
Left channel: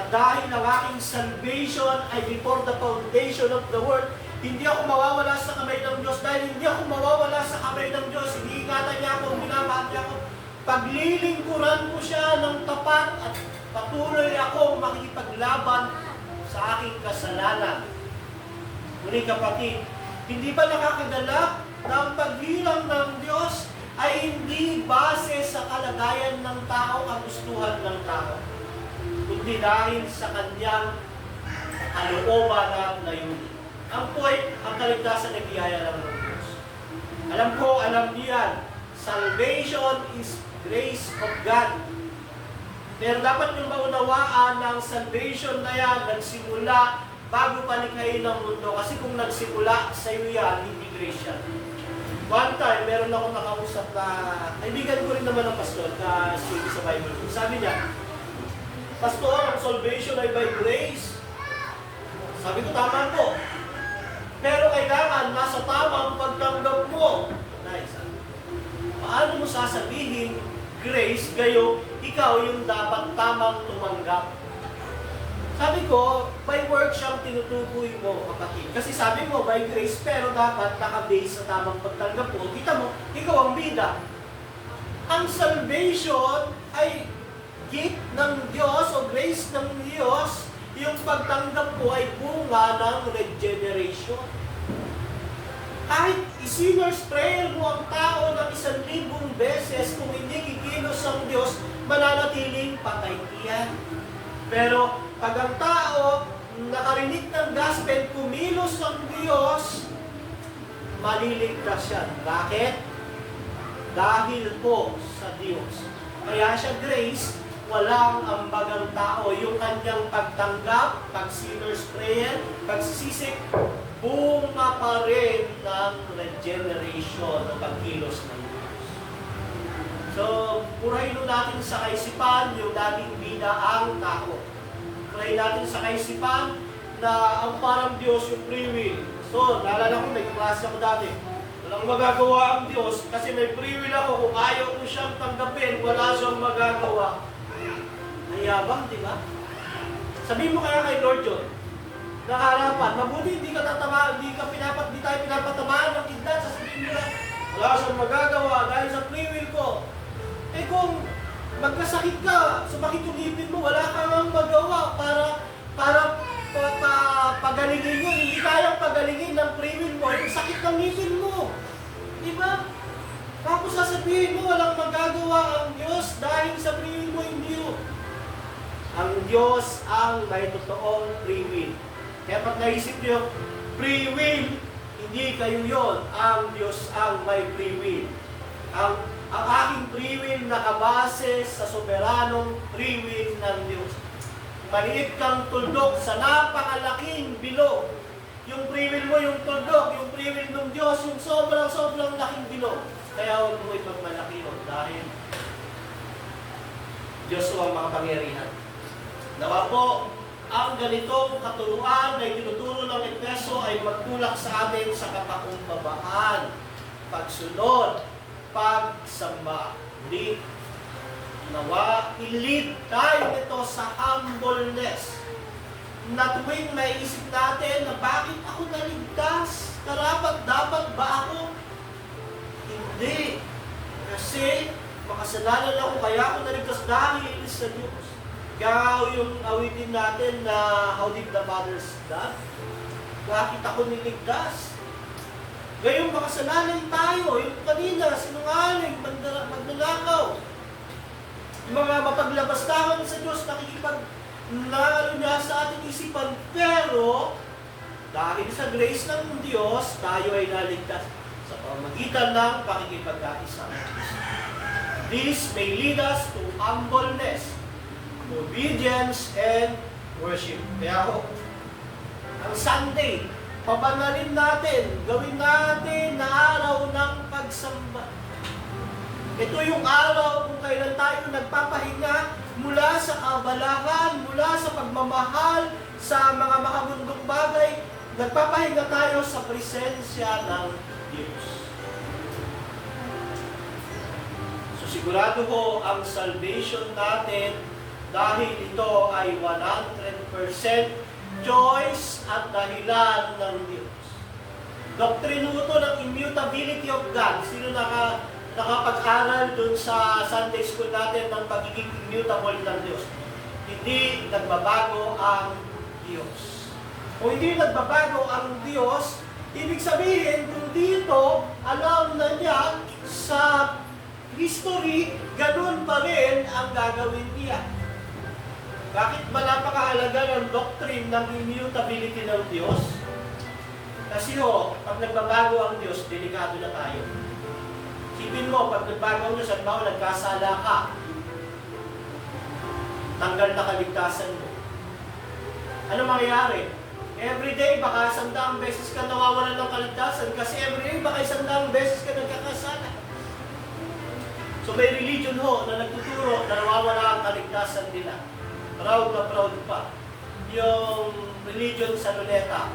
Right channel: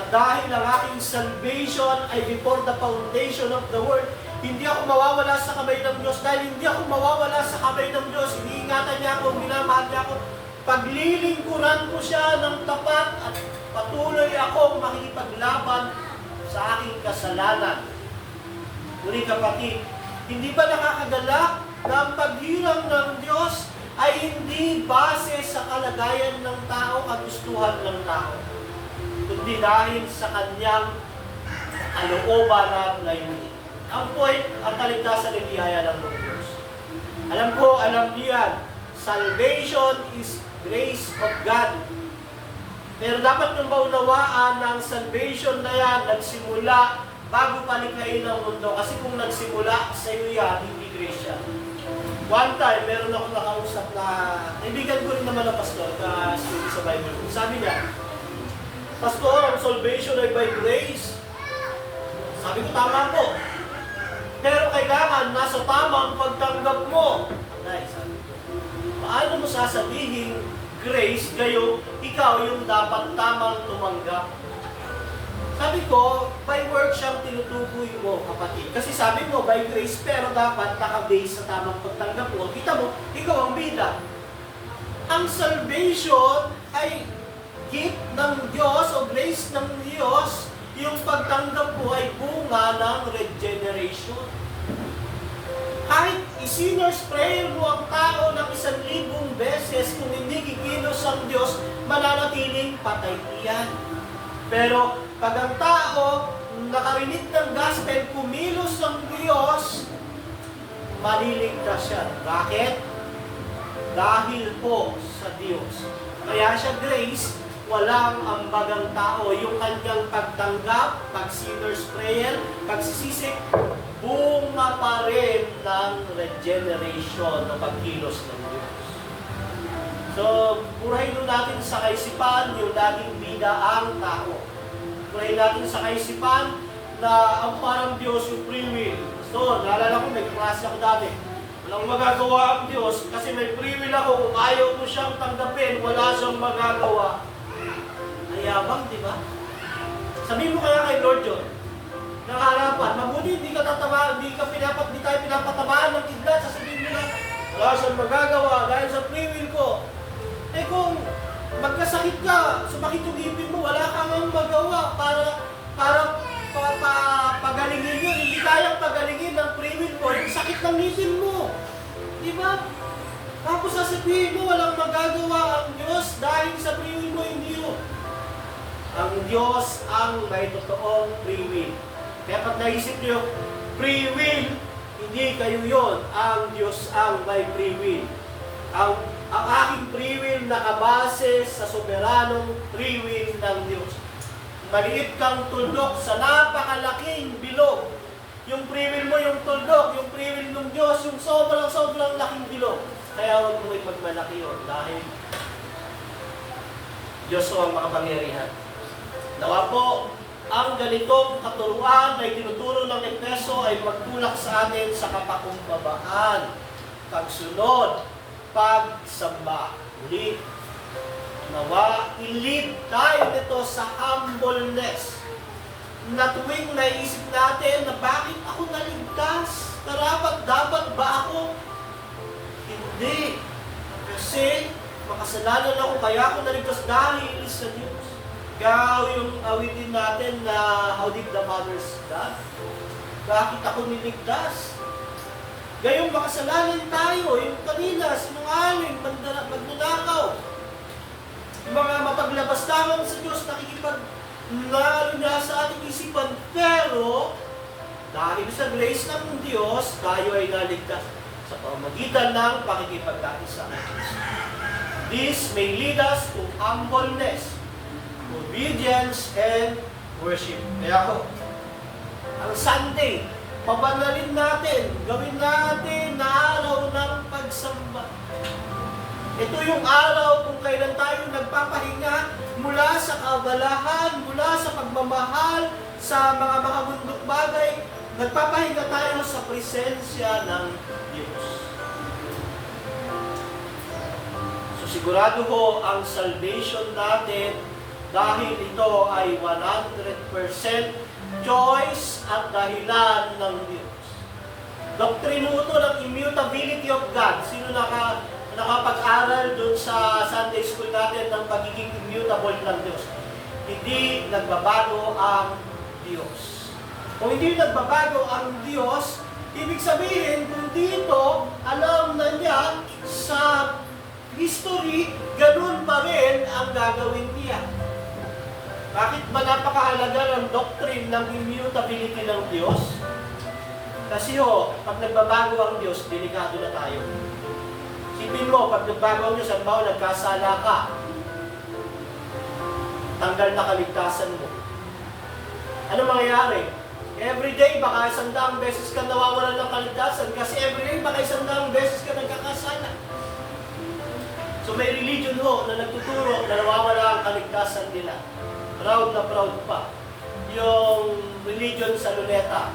At dahil ang aking salvation ay before the foundation of the world, hindi ako mawawala sa kamay ng Diyos. Dahil hindi ako mawawala sa kamay ng Diyos, iniingatan niya ako, minamahal niya ako. Paglilingkuran ko siya ng tapat at patuloy akong makikipaglaban sa aking kasalanan. Ngunit kapatid, hindi ba nakakagala na ang paghirang ng Diyos ay hindi base sa kalagayan ng tao, kagustuhan ng tao, kundi dahil sa kanyang kalooban na layunin. Ang point, ang kaligtasan ay biyaya lang ng Diyos. Alam niyo yan, salvation is grace of God. Pero dapat nyung maunawaan ng salvation na yan, nagsimula bago palikhain ng mundo. Kasi kung nagsimula sa iyo yan, hindi grace yan. One time, meron ako nakausap na, kaibigan ko rin naman ng pastor, na study sa Bible. Sabi niya, Pastor, ang salvation ay by grace. Sabi ko, tama po. Pero kailangan nasa tamang pagtanggap mo. Sabi ko, paano mo sasabihin grace, kayo, ikaw yung dapat tamang tumanggap? Sabi ko, by work siyang tinutukoy mo, kapatid. Kasi sabi mo, by grace, pero dapat naka-base sa tamang pagtanggap mo. Kita mo, ikaw ang bida. Ang salvation ay gift ng Diyos o grace ng Diyos. Yung pagtanggap mo ay bunga ng regeneration. Kahit i-sinner's prayer mo ang tao ng 1,000 beses, kung hindi kikilos ang Diyos, mananatiling patay iyan. Pero pag ang tao nakarinig ng gospel, kumilos ang Diyos, maliligtas siya. Bakit? Dahil po sa Diyos. Kaya siya grace, walang ambagang tao. Yung kanyang pagtanggap, pag-sinner's prayer, pagsisisik, bunga pa rin ng regeneration o pagkilos ng Diyos. So, purahin natin sa kaisipan yung dating bida ang tao. Purahin natin sa kaisipan na ang parang Diyos yung free will. So, naalala ko, may klase ako dati. Walang magagawa ang Diyos kasi may free will ako. Kung ayaw ko siyang tanggapin, wala siyang magagawa. Ayabang, di ba? Sabihin mo kaya kay Lord John, ng harapan, mabuti hindi tayo pinapatamaan ng kidlat. Sasabihin mo na, wala siyang magagawa dahil sa free will ko. Eh kung magkasakit ka, sumakit yung ngipin mo, wala kang magawa para pagalingin yun. Hindi kayang pagalingin ng free will mo yung sakit ng ngipin mo. Diba? Tapos sasabihin mo, walang magagawa ang Diyos dahil sa free will mo, hindi yun. Ang Diyos ang may totoong free will. Kaya pag naisip nyo, free will, hindi kayo yun. Ang Diyos ang may free will. Ang aking free will nakabase sa soberanong free will ng Diyos. Maliit kang tuldok sa napakalaking bilog. Yung free will mo, yung tuldok, yung free will ng Diyos, yung sobrang laking bilog. Kaya huwag mo ipagmalaki yun dahil Diyos ang makapangyarihan. Nawa po, ang ganitong katuruan na itinuturo ng Efeso ay magtulak sa atin sa kapakumbabaan, pagsunod, pagsamba. Muli, nawa, ilid tayo nito sa humbleness. Na tuwing naisip natin na bakit ako naligtas? Dapat ba ako? Hindi. Kasi makasalanan ako, kaya ako naligtas dahil sa Diyos. Kaya yung awitin natin na How Did the Fathers Die? Bakit ako niligtas? Gayong makasalanan tayo, yung kanina, sinungaling, magnanakaw. Yung mga mapaglabastangan sa Diyos, nakikipaglalo niya sa ating isipan. Pero, dahil sa grace ng Diyos, tayo ay naligtas sa pamagitan ng pakikipagkaisa. This may lead us to humbleness, obedience, and worship. Kaya ako, ang Sunday, pabanalin natin, gawin natin na araw ng pagsamba. Ito yung araw kung kailan tayo nagpapahinga mula sa kabalahan, mula sa pagmamahal, sa mga makamundok bagay, nagpapahinga tayo sa presensya ng Diyos. So sigurado ho ang salvation natin dahil ito ay 100% choice at dahilan ng Diyos. Doktrino ito ng immutability of God. Sino nakapag-aral dun sa Sunday school natin ng pagiging immutable ng Diyos? Hindi nagbabago ang Diyos. Kung hindi nagbabago ang Diyos, ibig sabihin kung dito alam na niya sa history, ganun pa rin ang gagawin niya. Bakit ba napakahalaga ng doctrine ng immutability ng Diyos? Kasi pag nagbabago ang Diyos, delikado na tayo. Sipin mo, pag nagbago ang Diyos, at nagkasala ka, tanggal na kaligtasan mo. Ano mangyayari? Everyday, baka 100 beses ka nawawalan ng kaligtasan kasi everyday, baka 100 beses ka nagkakasala. So may religion na nagtuturo na nawawala ang kaligtasan nila. Proud na proud pa. Yung religion sa Luneta.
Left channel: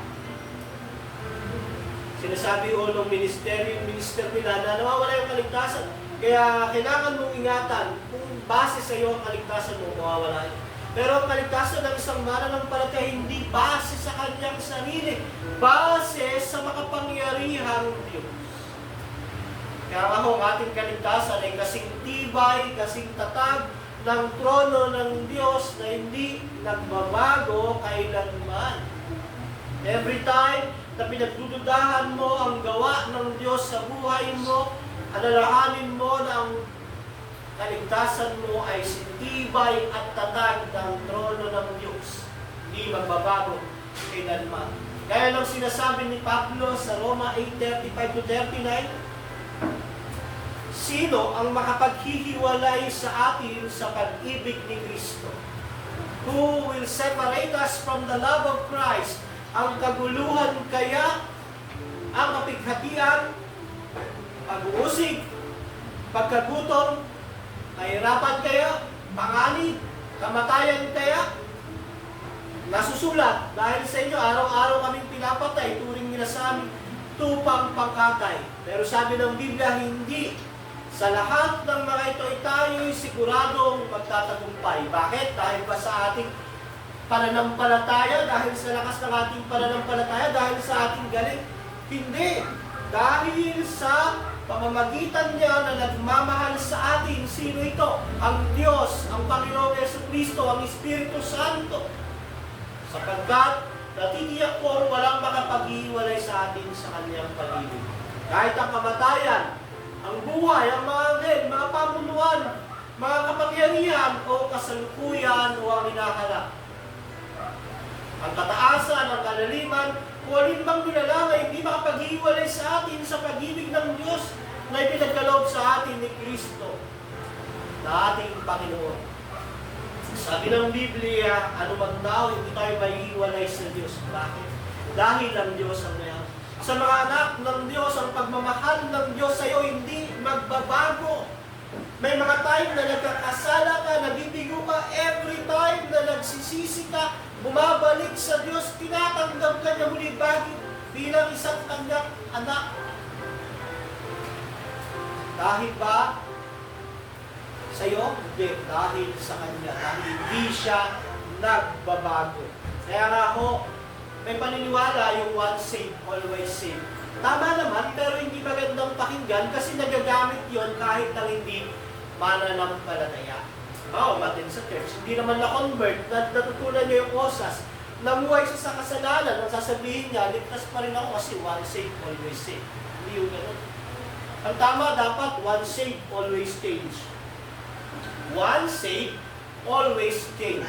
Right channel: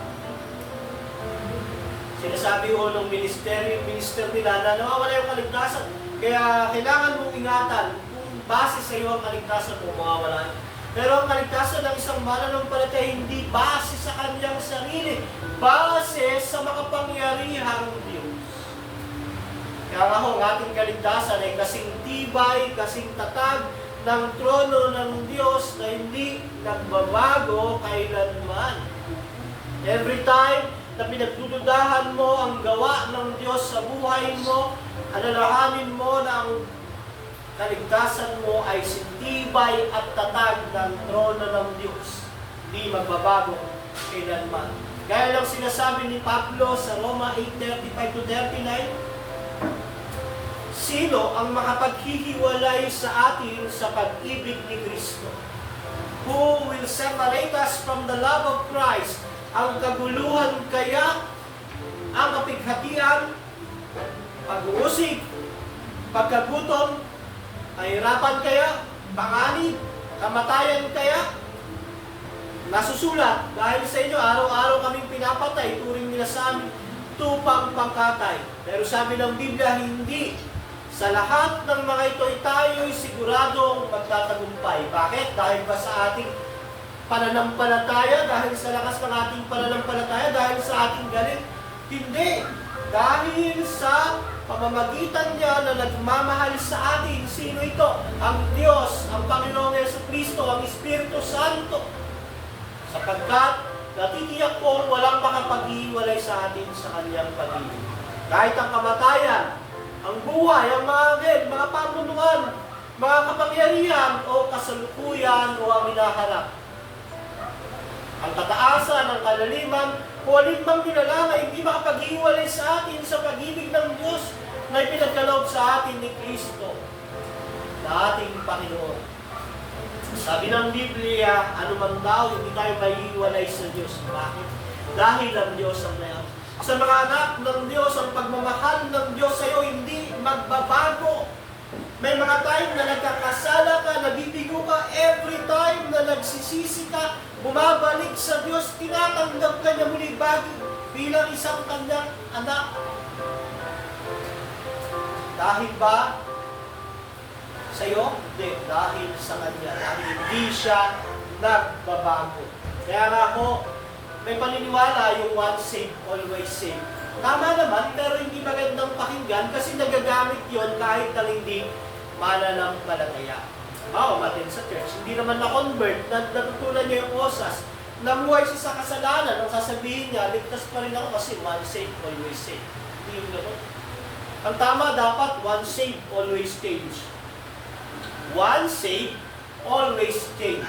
Sinasabi ng minister nila na nawawala yung kaligtasan. Kaya kailangan mong ingatan kung base sa iyo ang kaligtasan mo, mawawala. Pero ang kaligtasan ng isang mananampalataya hindi base sa kanyang sarili. Base sa makapangyarihang Diyos. Kaya ang ating kaligtasan ay kasing tibay, kasing tatag, ng trono ng Diyos na hindi nagbabago kailanman. Every time na pinagdududahan mo ang gawa ng Diyos sa buhay mo, alalahanin mo na ang kaligtasan mo ay sintibay at tatag ng trono ng Diyos. Hindi magbabago kailanman. Gaya lang sinasabi ni Pablo sa Roma 8:35-39, sino ang makapaghihiwalay sa atin sa pag-ibig ni Kristo? Who will separate us from the love of Christ? Ang kaguluhan kaya, ang kapighatian, pag-uusig, pagkagutom, kahirapan kaya, panganib, kamatayan kaya? Nasusulat, dahil sa inyo, araw-araw kaming pinapatay, turing nila sa amin. tupang pangkatay. Pero sabi ng Biblia, hindi. Sa lahat ng mga ito ay tayo'y siguradong magtatagumpay. Bakit? Dahil ba sa ating pananampalataya? Dahil sa lakas ng ating pananampalataya? Dahil sa ating galing? Hindi. Dahil sa pamamagitan niya na nagmamahal sa atin. Sino ito? Ang Diyos, ang Panginoong Jesucristo, ang Espiritu Santo. Sapagkat natitiyak kong walang makapag-iwalay sa atin sa kanyang pag-ibig. Kahit ang kamatayan, ang buhay, ang mga anghel, mga pamunuan, mga kapangyarihan o kasalukuyan o ang hinaharap. Ang kataasan, ang kalaliman, o alinbang nilalang ay hindi makapag-iwalay sa atin sa pag-ibig ng Diyos na ipinagkaloob sa atin ni Kristo, na ating Panginoon. Sabi ng Biblia, ano man daw, hindi tayo maiiwalay sa Diyos. Bakit? Dahil ang Diyos ang mayroon. Sa mga anak ng Diyos, ang pagmamahal ng Diyos sa iyo hindi magbabago. May mga time na nagkakasala ka, nabibigo ka, every time na nagsisisi ka, bumabalik sa Diyos, tinatanggap ka niya muli bilang isang kanyang anak. Dahil ba sa iyo? Hindi. Dahil sa Kanya. Dahil hindi siya nagbabago. Kaya nga ako, may paniniwala yung once saved, always saved. Tama naman, pero hindi magandang pakinggan kasi nagagamit yon kahit nang hindi mananampalataya. Umatin sa church, hindi naman na-convert, natutunan niya yung osas. Namuhay siya sa kasalanan, ang sasabihin niya, ligtas pa rin ako kasi once saved, always saved. Hindi yung ganun. Ang tama dapat, once saved, always change. Once saved, always change.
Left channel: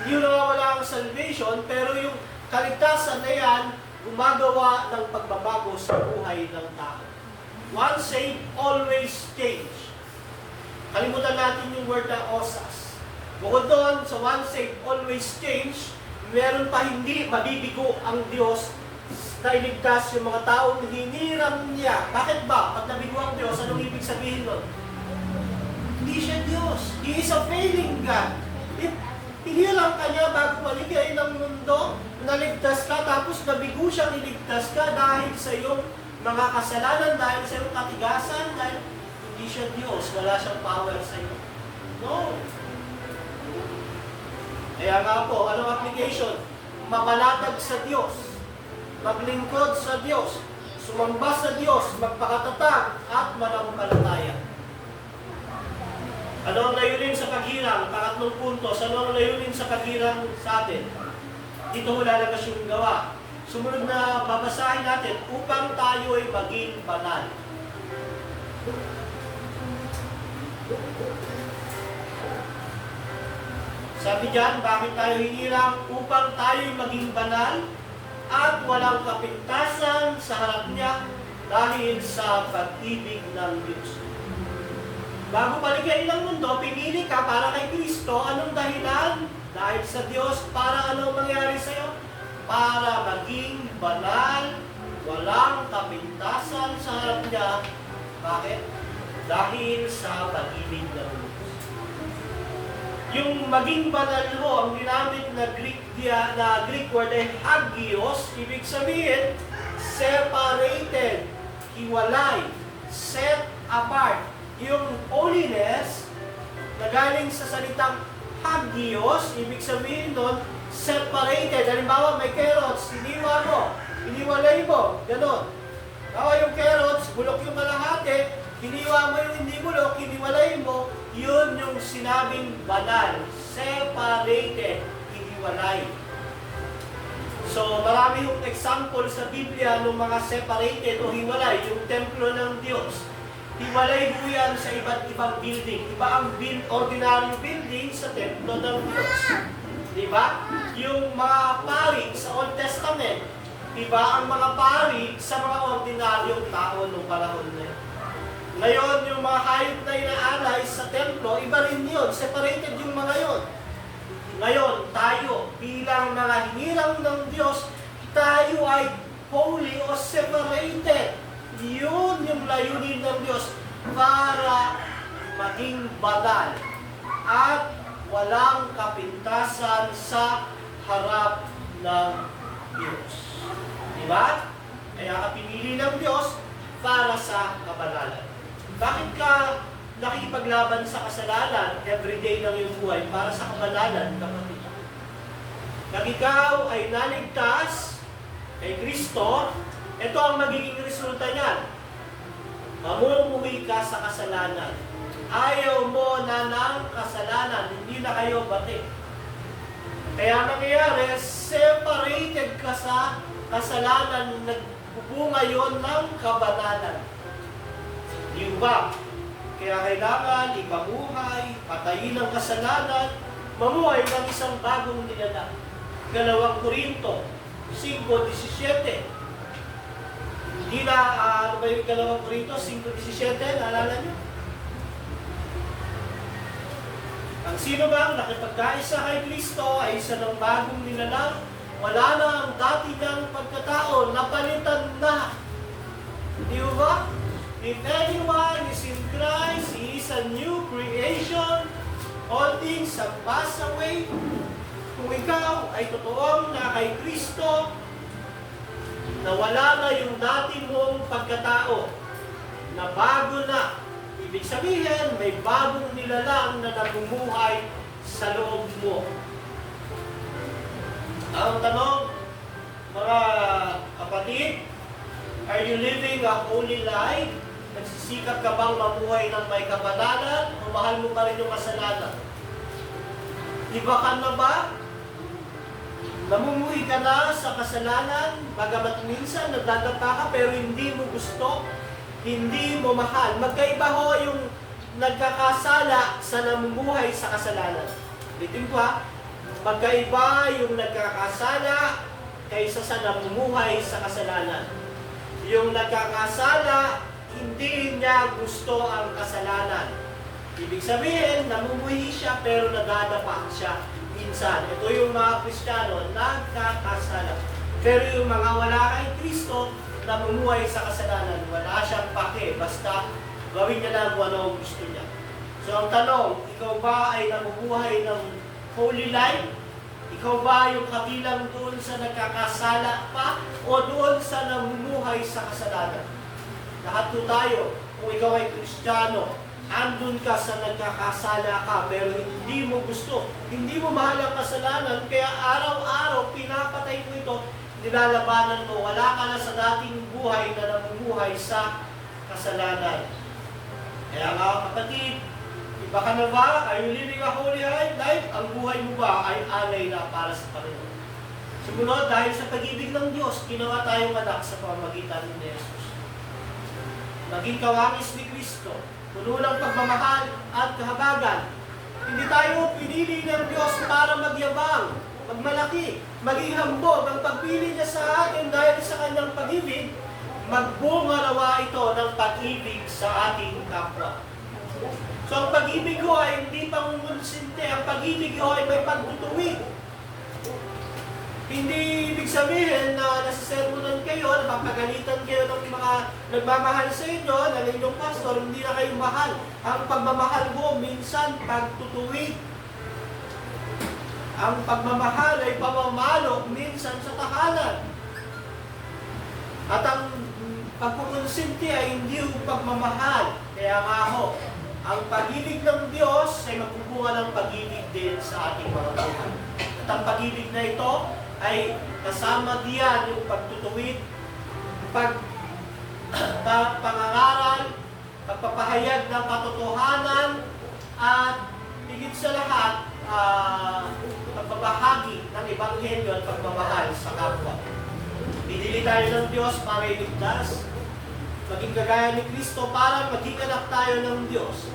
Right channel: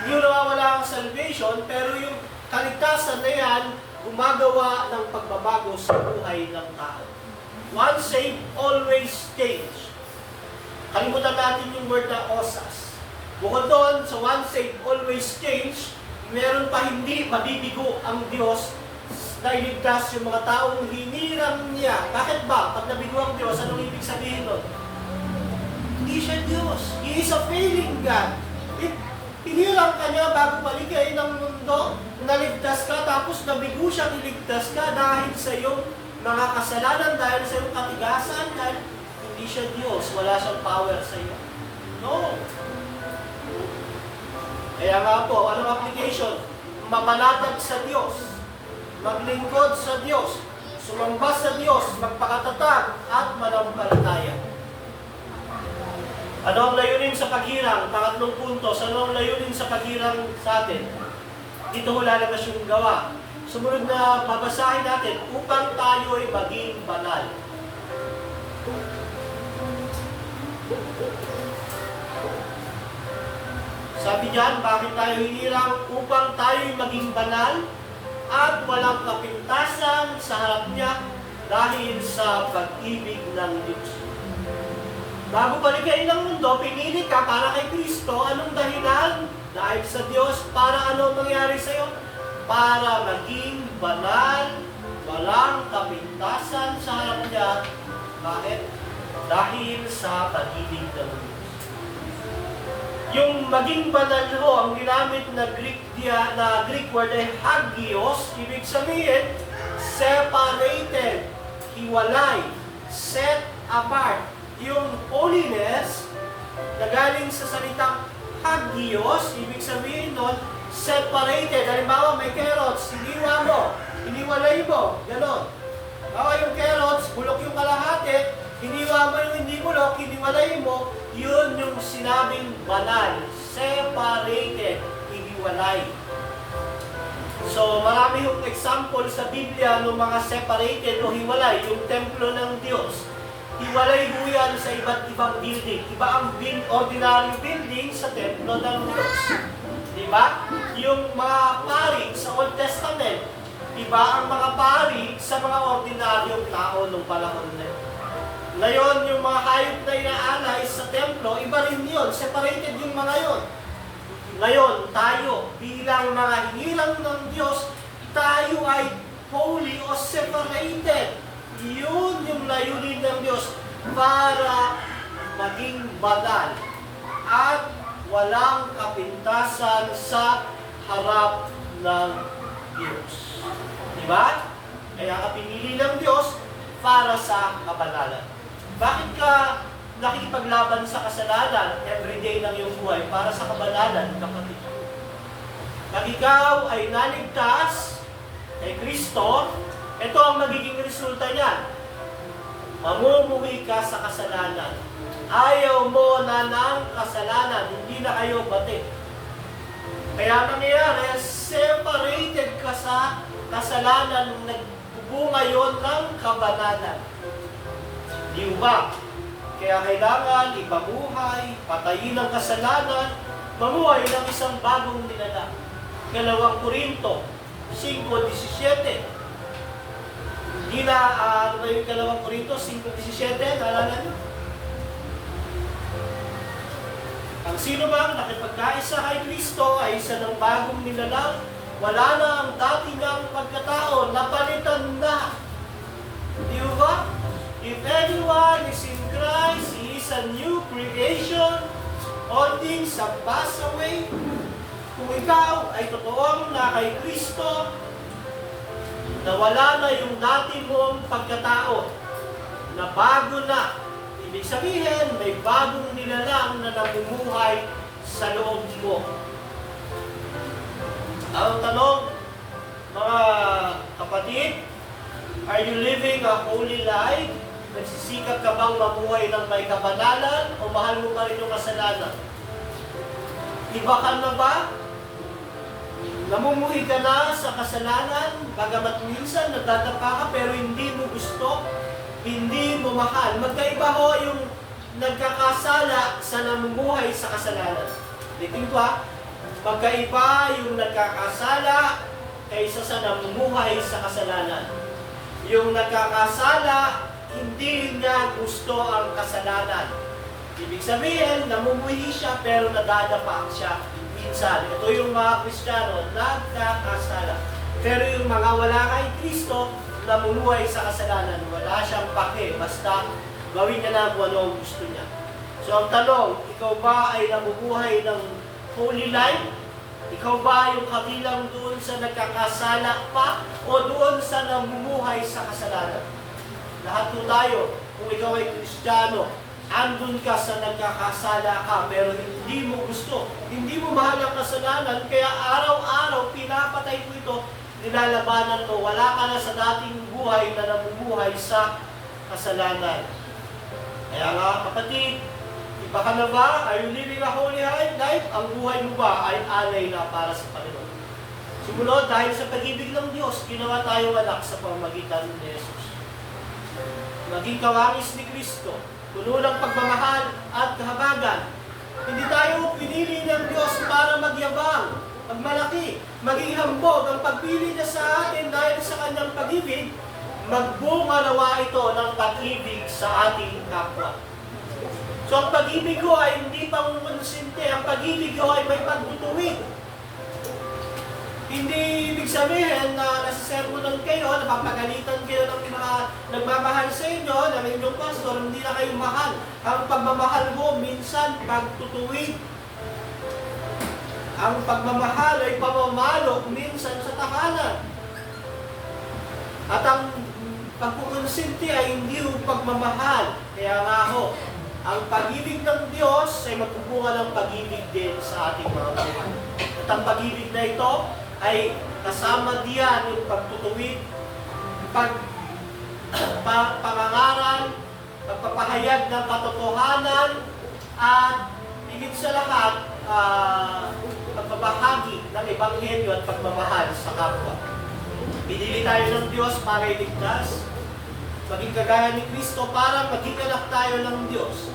Hindi yung nawawala ang salvation, pero yung kaligtasan na yan, gumagawa ng pagbabago sa buhay ng tao. Once saved, always change. Kalimutan natin yung word na osas. Bukod doon, sa once saved, always change, meron pa hindi mabibigo ang Diyos na iligtas yung mga taong hinirang niya. Bakit ba? Pag nabigo ang Diyos, anong ibig sabihin nun? Hindi siya Diyos. He is a failing God. Hinirang ka niya bago maligay ng mundo, naligtas ka, tapos nabigo siyang iligtas ka dahil sa iyong mga kasalanan, dahil sa iyong katigasan, dahil hindi siya Diyos. Wala siyang power sa iyo. No. Kaya nga po, anong application? Mapanatag sa Diyos. Maglingkod sa Diyos, sumamba sa Diyos, magpakatatag at manampalataya. Ano ang layunin sa paghirang? Pangatlong punto, ano ang layunin sa paghirang sa atin? Dito ho lalabas yung gawa. Sumunod na babasahin natin, upang tayo ay maging banal. Sabi diyan, bakit tayo hinirang? Upang tayo ay maging banal at walang kapintasan sa harap niya dahil sa pag-ibig ng Diyos. Bago paligay ng mundo, pinili ka para kay Kristo. Anong dahilan? Dahil sa Diyos. Para ano mangyari sa iyo? Para maging banal, walang kapintasan sa harap niya. Bakit? Dahil sa pag-ibig ng Diyos. Yung maging banal ho, ang ginamit na Greek word ay hagios, ibig sabihin, separated, hiwalay, set apart. Yung holiness, na galing sa salitang hagios, ibig sabihin nun, separated. Halimbawa, may carrots, iniwa mo, iniwalay mo, ganon. Bawa yung carrots, bulok yung kalahati, iniwa mo yung hindi bulok, iniwalay mo, yun yung sinabing banal, separated, iniwalay. So, marami yung example sa Biblia ng mga separated o hiwalay, yung templo ng Diyos. Hiwalay po yan sa iba't ibang building. Iba ang ordinary building sa templo ng Diyos. Diba? Yung mga pari sa Old Testament, iba ang mga pari sa mga ordinaryong tao nung panahon na yun. Ngayon, yung mga hayop na inaalay sa templo, iba rin yun. Separated yung mga yun. Ngayon, tayo, bilang mga hinirang ng Diyos, tayo ay holy o separated. Yun yung layunin ng Diyos para maging banal at walang kapintasan sa harap ng Diyos. Diba? Kaya ka pinili ng Diyos para sa kabanalan. Bakit ka nakikipaglaban sa kasalanan everyday ng iyong buhay para sa kabanalan, kapatid? Pag ikaw ay naligtas kay Kristo, ito ang magiging resulta niyan. Mamumuhi ka sa kasalanan. Ayaw mo na ng kasalanan, hindi na kayo bati. Kaya nangyayari, separated ka sa kasalanan, nagbubunga yon ng kabanalan. Di ba? Kaya kailangan ipamuhay, patayin ang kasalanan, mamuhay ng isang bagong nilalang. 2 Korinto 5:17. Hindi na, ano ba yung 2 Korinto 5:17? Naalala nyo? Ang sino bang nakipagkaisa kay Kristo ay isa ng bagong nilalang, wala na ang dati ng pagkatao, napalitan na. Di ba? If anyone is in Christ, he is a new creation. All things have passed away. Kung ikaw ay totoong na kay Kristo, nawala na yung dati mong pagkatao, na bago na. Ibig sabihin, may bagong nilalang na namumuhay sa loob mo. Ang tanong, mga kapatid, are you living a holy life? Nagsisikap ka bang mabuhay ng may kabanalan o mahal mo pa rin yung kasalanan? Iba ka na ba? Namumuhi ka na sa kasalanan, bagamat minsan nagdadapa ka pero hindi mo gusto, hindi mo mahal. Magkaiba ho yung nagkakasala sa namumuhay sa kasalanan. Litin ko ha, magkaiba yung nagkakasala kaysa sa namumuhay sa kasalanan. Yung nagkakasala, hindi niya gusto ang kasalanan. Ibig sabihin, namumuhi siya pero nadadapa siya minsan. Ito yung mga Kristiyano, nagkakasala. Pero yung mga wala kay Kristo, namumuhay sa kasalanan, wala siyang pake, basta gawin niya lang kung ano ang gusto niya. So ang tanong, ikaw ba ay namumuhay ng holy life? Ikaw ba yung kabilang doon sa nagkakasala pa o doon sa namumuhay sa kasalanan? Lahat po tayo, kung ikaw ay Kristiyano, andun ka sa nagkakasala ka, pero hindi mo gusto, hindi mo mahal ang kasalanan, kaya araw-araw pinapatay mo ito, nilalabanan mo, wala ka na sa dating buhay na namumuhay sa kasalanan. Kaya nga kapatid, iba ka na ba? Are you living a holy life? Ang buhay mo ba ay alay na para sa Panginoon? Sumunod, dahil sa pag-ibig ng Diyos, ginawa tayong anak sa pamamagitan ni Jesus. Maging kawangis ni Kristo, puno ng pagmamahal at kahabagan. Hindi tayo pinili ng Diyos para magyabang, magmalaki, maging hambog. Ang pagpili niya sa atin dahil sa kanyang pag-ibig, magbunga nawa ito ng pag-ibig sa ating kapwa. So ang pag-ibig ko ay hindi pangungunsinte, ang pag-ibig ko ay may pagtutuwid. Hindi ibig sabihin na nasisermonan kayo, napapagalitan kayo ng mga nagmamahal sa inyo, ng inyong pastor, hindi na kayo mahal. Ang pagmamahal mo, minsan pagtutuwid. Ang pagmamahal ay pamamalo, minsan sa takalan. At ang pagkukonsinti ay hindi yung pagmamahal. Kaya nga ho, ang pag-ibig ng Diyos ay magbubunga ng pag-ibig din sa ating mga buhay. At ang pag-ibig na ito ay kasama diyan yung pagtutuwid, pangangaral, pagpapahayag ng katotohanan, at higit sa lahat, pagbabahagi ng Ebanghelyo at pagmamahal sa kapwa. Pinili tayo ng Diyos para iligtas, maging kagaya ni Kristo para maging anak tayo ng Diyos.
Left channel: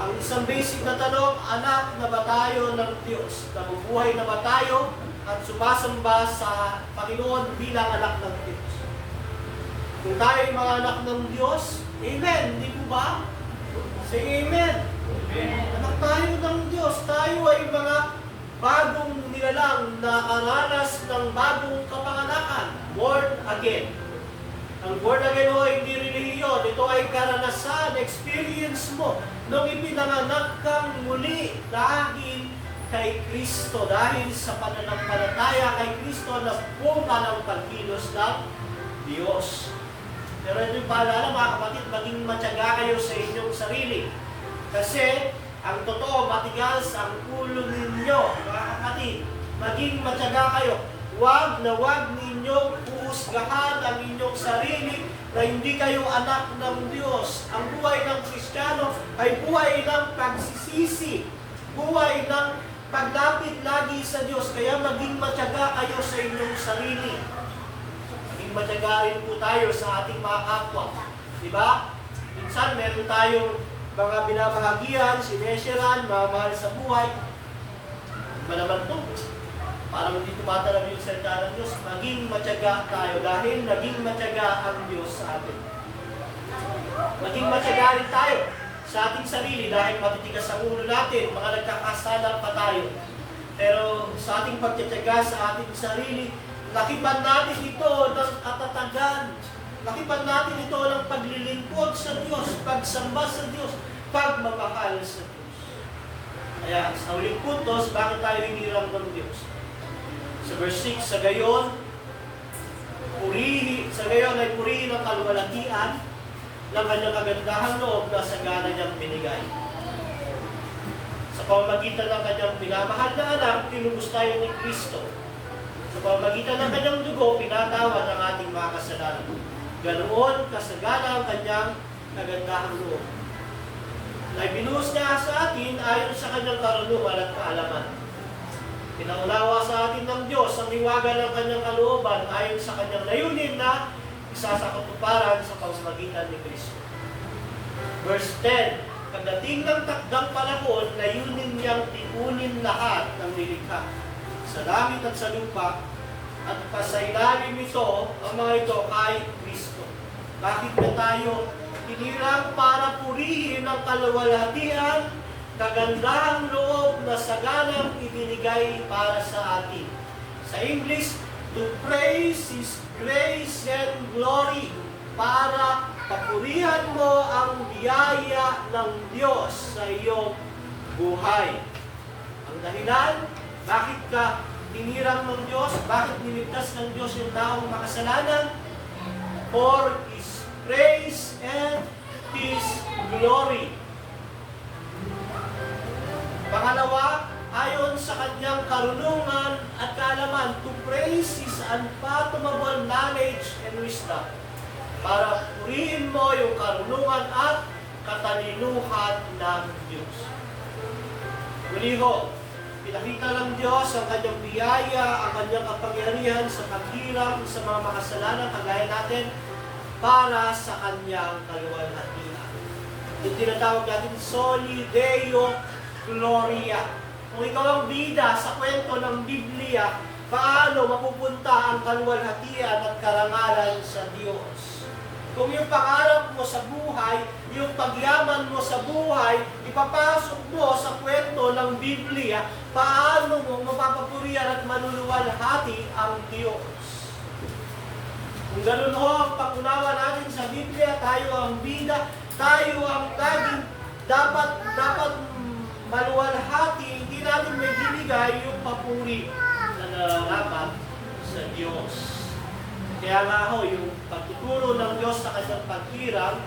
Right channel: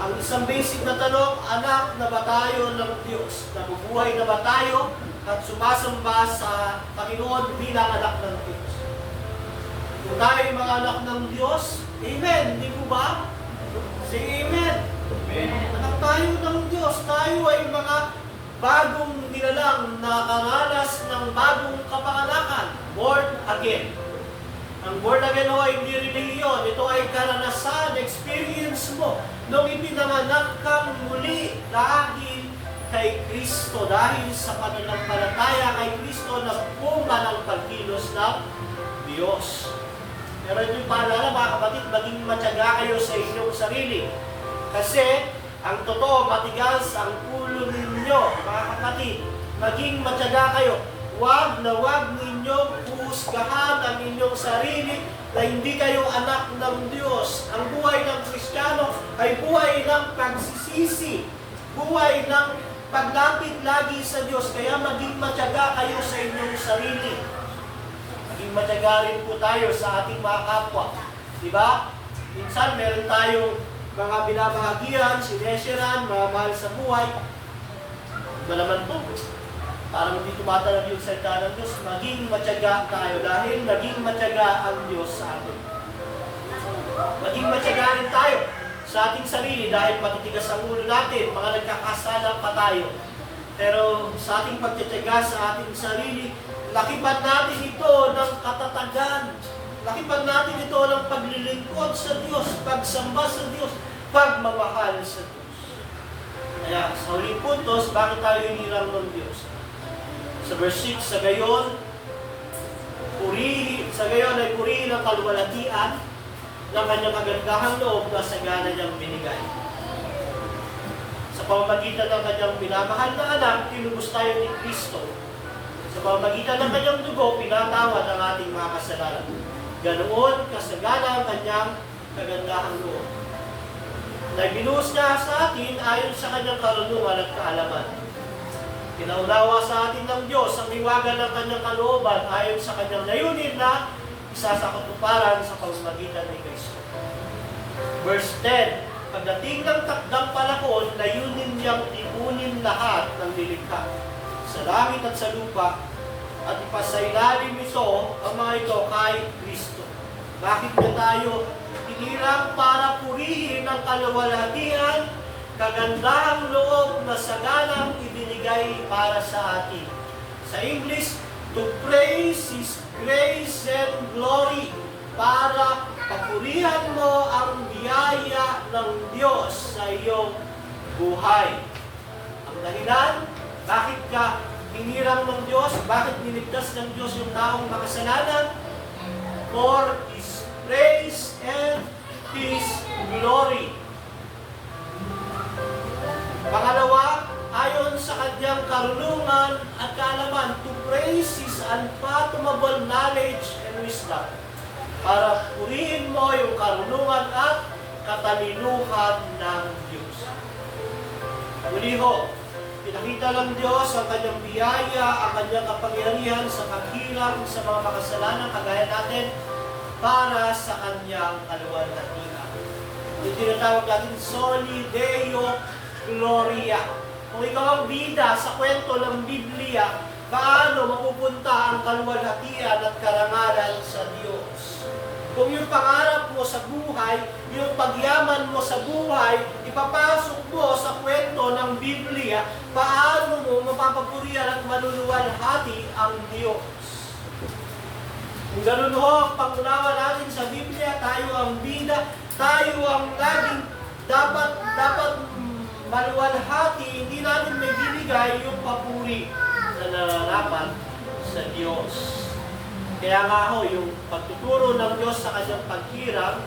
Ang isang basic na tanong, anak na ba tayo ng Diyos? Nabubuhay na ba tayo at sumasamba sa Panginoon bilang anak ng Diyos? Kung tayo ay mga anak ng Diyos, amen, di po ba? Say amen. Amen. Anak tayo ng Diyos, tayo ay mga bagong nilalang na karanas ng bagong kapanganakan, born again. Ang born again o ay hindi relihiyon, ito ay karanasan, experience mo nung ipinanganak kang muli dahil kay Kristo, dahil sa pananampalataya kay Kristo na bunga ng pagkilos ng Diyos. Pero ito yung paalala mga kapatid, maging matyaga kayo sa inyong sarili. Kasi ang totoo, matigas ang ulo ninyo, mga kapatid. Maging matyaga kayo. Huwag ninyong uhusgahan ang inyong sarili na hindi kayo anak ng Diyos. Ang buhay ng Kristiyano ay buhay ng pagsisisi, buhay ng paglapit lagi sa Diyos. Kaya maging matyaga kayo sa inyong sarili. Maging matyaga rin po tayo sa ating mga kapwa. Diba? Minsan meron tayong mga binabahagian, sinesiran, mga mahal sa buhay. Iba naman po. Parang hindi tumatalab yung salita ng Diyos, maging matyaga tayo dahil naging matyaga ang Diyos sa atin. Maging matyaga rin tayo sa ating sarili dahil matitigas ang ulo natin, mga nagkakasalang pa tayo. Pero sa ating pagtityaga sa ating sarili, lakipan natin ito ng katatagan. Lakipan natin ito ng paglilingkod sa Diyos, pagsamba sa Diyos, pagmamahal sa Diyos. Kaya sa huling puntos, bakit tayo hinirang ng Diyos? Sa verse 6, sa gayon ay purihin ang kaluwalhatian ng kanyang kagandahang loob na sagana niyang binigay. Sa pamamagitan ng kanyang pinamahal na anak, tinubos tayo ni Kristo. Sa pamamagitan ng kanyang dugo, pinatawad ang ating mga kasalanan. Ganoon kasagana ang kanyang kagandahang loob. Na binuhos niya sa atin ayon sa kanyang karunungan at kaalaman. Pinaunawa sa atin ng Diyos ang hiwaga ng kanyang kalooban ayon sa kanyang layunin na isa sa katuparan sa pamamagitan ni Kristo. Verse 10, pagdating ng takdang panahon, layunin niyang tipunin lahat ng nilikha sa langit at sa lupa at ipasailalim ito ang mga ito kay Kristo. Bakit na tayo hinirang para purihin ang kaluwalhatian, kagandahang loob na saganang ibinigay para sa atin? Sa English, to praise His grace and glory, para papurihan mo ang biyaya ng Diyos sa iyong buhay. Ang dahilan, bakit ka hinirang ng Diyos? Bakit niligtas ng Diyos yung taong makasalanan? For His praise and His glory. Pangalawa, ayon sa kanyang karunungan at kaalaman, to praise His unfathomable knowledge and wisdom. Para purihin mo yung karunungan at katalinuhan ng Diyos. Muli ho, pinakita ng Diyos ang kanyang biyaya, ang kanyang kapangyarihan sa paghiram sa mga makasalanan kagaya natin para sa kanyang kaluwalhatian. Yung tinatawag natin Soli Deo Gloria. Kung ikaw ang bida sa kwento ng Biblia, paano mapupunta ang kaluwalhatian at karangalan sa Diyos? Kung yung pangarap mo sa buhay, yung pagyaman mo sa buhay, ipapasok mo sa kwento ng Biblia, paano mo mapapapurihan at maluluwalhati ang Diyos? Kung ganun ho ang pangunawa natin sa Biblia, tayo ang bida, tayo ang laging dapat maluwalhati, hindi natin may binigay yung papuri na nararapat sa Diyos. Kaya nga ho, yung pagtuturo ng Diyos sa kanyang paghiram,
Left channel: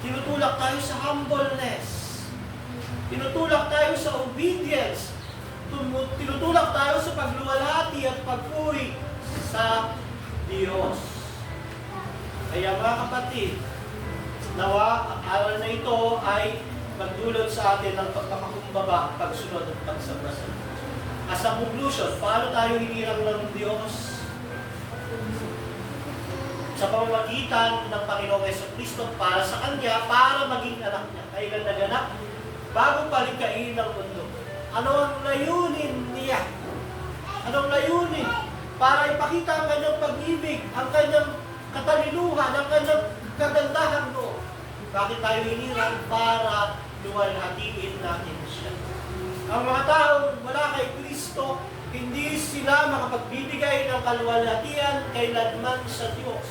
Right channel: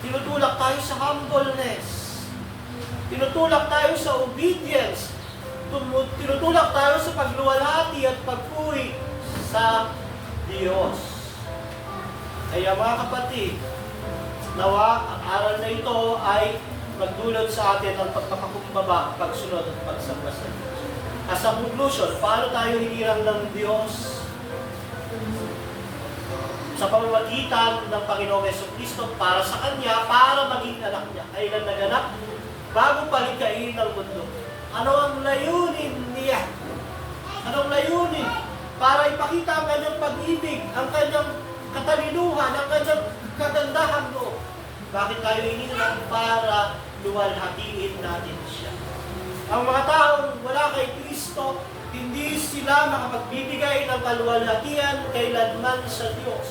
tinutulak tayo sa humbleness. Tinutulak tayo sa obedience. Tinutulak tayo sa pagluwalhati at pagpuri sa Diyos. Kaya mga kapatid, nawa ang aral na ito ay magdulot sa atin ng pagpapakumbaba, pagsunod at pagsamba sa Diyos. As a conclusion, paano tayo hinirang ng Diyos? Sa pamamagitan ng Panginoong Jesucristo para sa Kanya, para maging anak niya. Kailan naganap? Bago palikhain ng mundo. Ano ang layunin niya? Anong layunin? Para ipakita ang kanyang pag-ibig, ang kanyang katalinuhan, ang kanyang kagandahang loob. Bakit tayo hinirang? Para luwalhatiin natin siya. Ang mga taong wala kay Kristo, hindi sila makapagbibigay ng kaluwalhatian kailanman sa Diyos.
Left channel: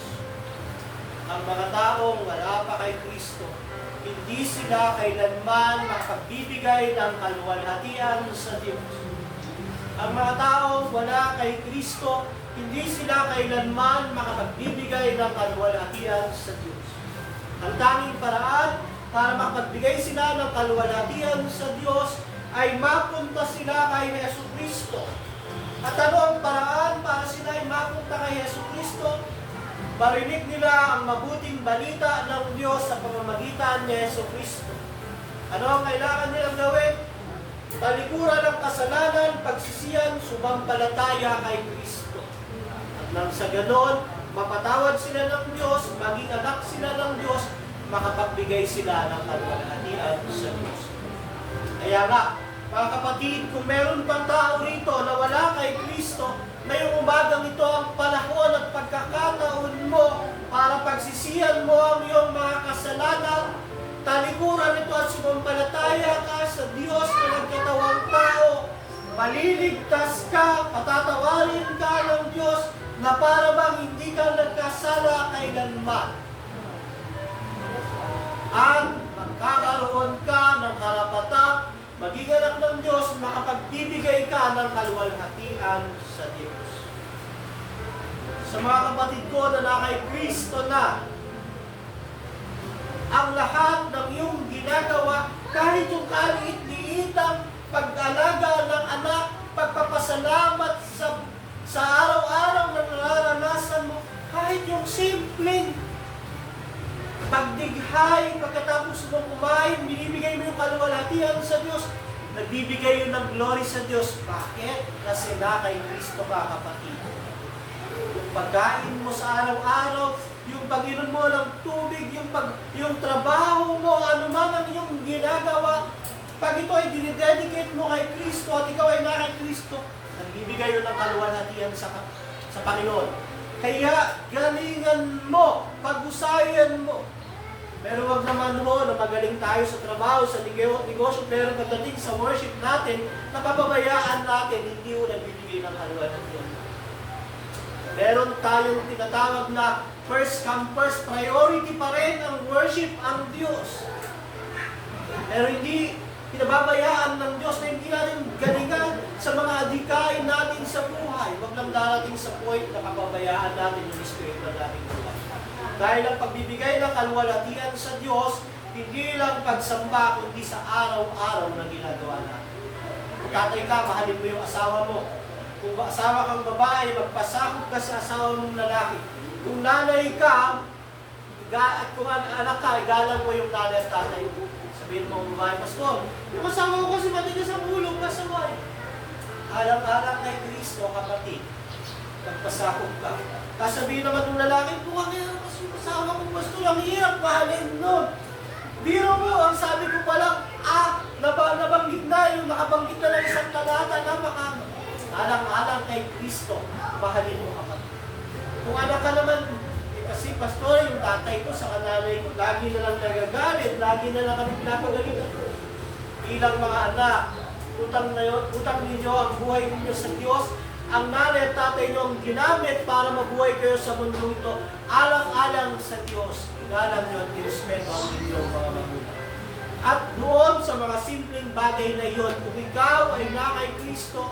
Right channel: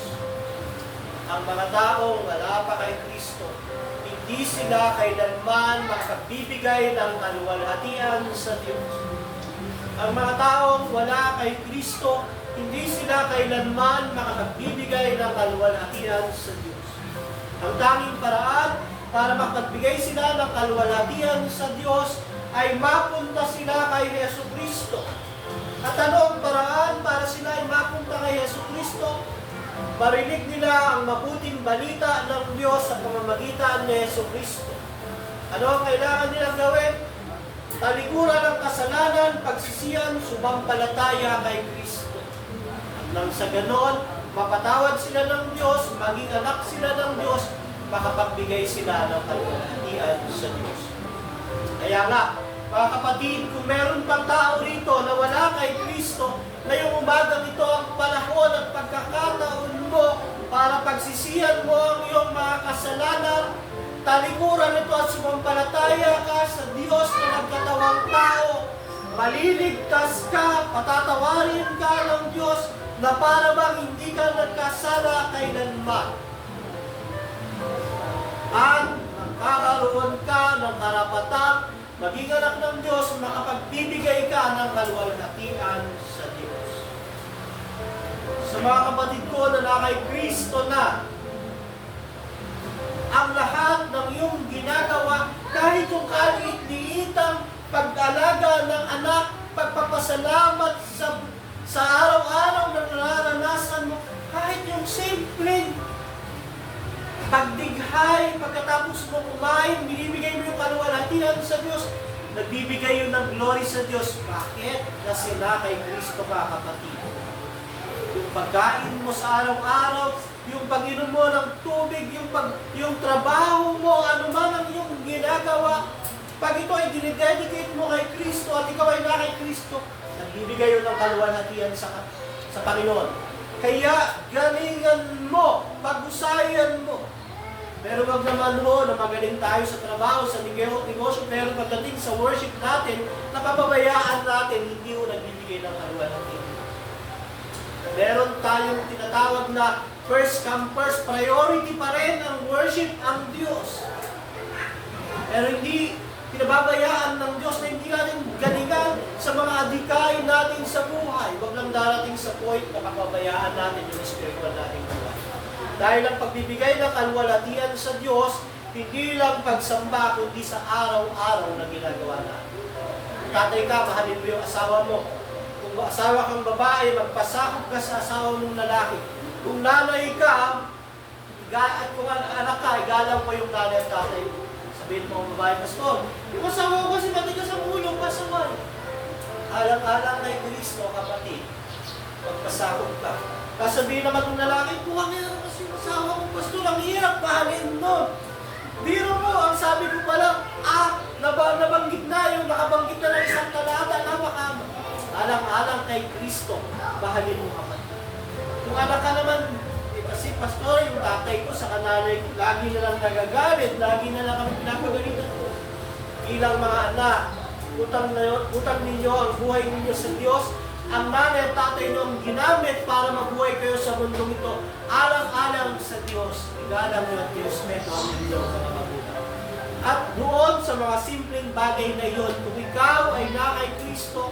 Ang mga taong wala pa kay Kristo, hindi sila kailanman makapagbibigay ng kaluwalhatian sa Diyos. Ang mga taong wala kay Kristo, hindi sila kailanman makapagbibigay ng kaluwalhatian sa Diyos. Ang tanging paraan para makapagbigay sila ng kaluwalhatian sa Diyos ay mapunta sila kay Jesucristo. At ano ang paraan para sila ay mapunta kay Jesucristo? Marinig nila ang mabuting balita ng Diyos sa pamamagitan ni Jesucristo. Ano ang kailangan nilang gawin? Talikuran ng kasalanan, pagsisiyan, sumampalataya kay Kristo. At nang sa ganon, mapatawad sila ng Diyos, maging anak sila ng Diyos, makapagbigay sila ng kaluwalhatian sa Diyos. Kaya nga, mga kapatid, kung meron pang tao rito na wala kay Kristo, ngayong umagang ito ang panahon at pagkakataon mo para pagsisihan mo ang iyong mga kasalanan, talikuran ito at sumampalataya ka sa Diyos na nagkatawang tao, maliligtas ka, patatawarin ka ng Diyos na para bang hindi ka nagkasala kailanman. At magkakaroon ka ng karapatang maging anak ng Diyos, makapagbibigay ka ng kaluwalhatian sa Diyos. Sa mga kapatid ko na kay Kristo na, ang lahat ng iyong ginagawa, kahit yung kaliit-liitang pag-alaga ng anak, pagpapasalamat sa araw-araw na nararanasan mo, kahit yung simpleng pagdighay, pagkatapos mo kumain, binibigay mo yung kaluwalhatian sa Diyos, nagbibigay yun ng glory sa Diyos. Bakit? Kasi na kay Kristo ka, kapatid. Yung pagkain mo sa araw-araw, yung pag-inom mo ng tubig, yung trabaho mo, ano man ang iyong ginagawa, pag ito ay dinededicate mo kay Kristo at ikaw ay na kay Kristo, nagbibigay yun ng kaluwalhatian sa Panginoon. Kaya galingan mo, pag-usayan mo. Pero wag naman mo na magaling tayo sa trabaho, sa negosyo, pero pagdating sa worship natin, napapabayaan natin, hindi mo nagbibigay ng kaluwalhatian. Meron tayong tinatawag na first come first, priority pa rin ang worship ang Diyos. Pero hindi pinababayaan ng Diyos na hindi natin galingan sa mga adikain natin sa buhay. Wag lang darating sa point na kapabayaan natin yung spiritual natin buhay. Dahil ang pagbibigay ng kaluwalhatian sa Diyos, hindi lang pagsamba, kundi sa araw-araw na ginagawa natin. Kung tatay ka, mahalin mo yung asawa mo. Kung asawa kang babae, magpasakop ka sa asawa mong lalaki. Kung nanay ka, at kung anak ka, igalang mo yung nanay at tatay mo. Sabihin mo, babae, pastor, yung asawa ko kasi matigas ang ulo, pasaway. Alang-alang kay Kristo, kapatid. Magpasakop ka. Kasabihin naman ng lalaki, buwan na yan kasi asawa ko, pastor, ang hirap mahalin nun. Biro mo, ang sabi ko palang, nabanggit na yung nakabanggit na ng isang talata, napakama. Alang-alang kay Kristo, mahalin mo kapatid. Kung anak ka naman, kasi pastor, yung tatay ko sa kananay ko, lagi na lang nagagalit, lagi na lang kami pinapagalitan. Bilang mga anak, utang ninyo ang buhay ninyo sa Diyos. Ang nanay at tatay nyo ang ginamit para mabuhay kayo sa mundong ito. Alang-alang sa Diyos, igalang nyo at irespeto ang inyong mga magulang. At doon sa mga simpleng bagay na iyon, kung ikaw ay na kay Kristo,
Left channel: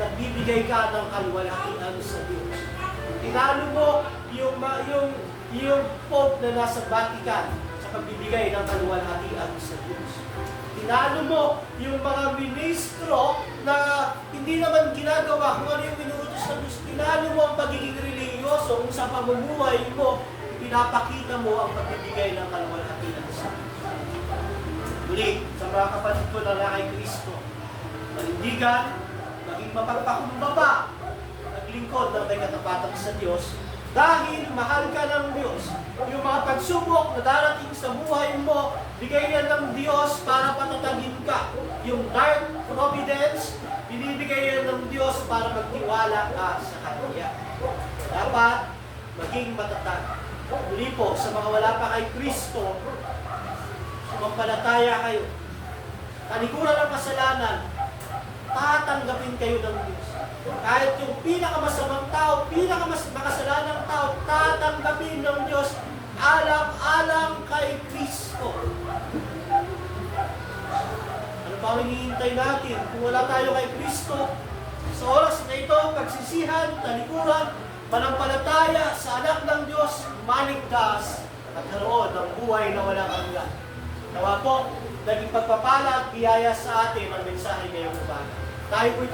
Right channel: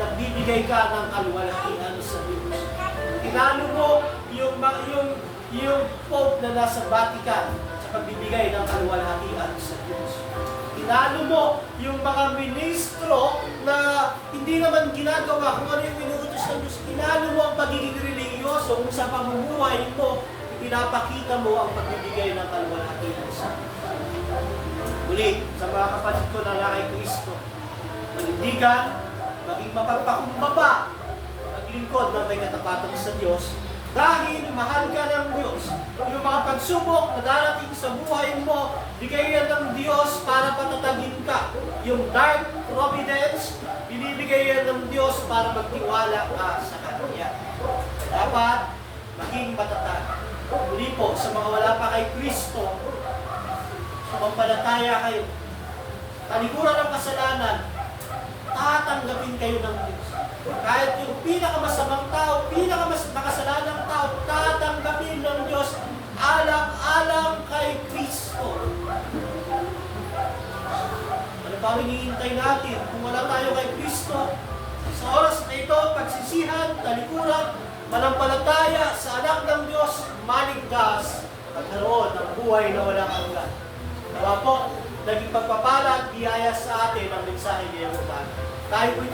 nagbibigay ka ng kaluwalhatian sa Diyos. Tinalo mo yung Pope na nasa Vatican sa pagbibigay ng kaluwalhatian sa Diyos. Tinalo mo yung mga ministro na hindi naman ginagawa kung ano yung inuutos ng Diyos. Tinalo mo ang pagiging religyoso kung sa pamumuhay mo, pinapakita mo ang pagbibigay ng kaluwalhatian sa Diyos. Muli, sa mga kapatid ko na kay Kristo, manindigan, maging mapagpakumbaba, maglingkod ng may katapatan sa Diyos, dahil mahal ka ng Diyos. Yung mga pagsubok na darating sa buhay mo, bigay yan ng Diyos para patatagin ka. Yung dark providence, binibigay yan ng Diyos para magtiwala ka sa Kanya. Dapat maging matatag. Muli po, sa mga wala pa kay Kristo, sumampalataya kayo. Talikuran ng kasalanan, tatanggapin kayo ng Diyos. Kahit yung pinakamasamang tao, pinakamasakasalanang tao, tatanggapin ng Diyos alang-alang kay Kristo. Ano pa hinihintay natin? Kung wala tayo kay Kristo, Sa oras na ito, pagsisihan, talikuran, manampalataya sa anak ng Diyos, maligtas at karoon ng buhay na walang hanggan. Nawa po, naging pagpapala at biyaya sa atin ang mensahe ngayong umaga. Tayo po ito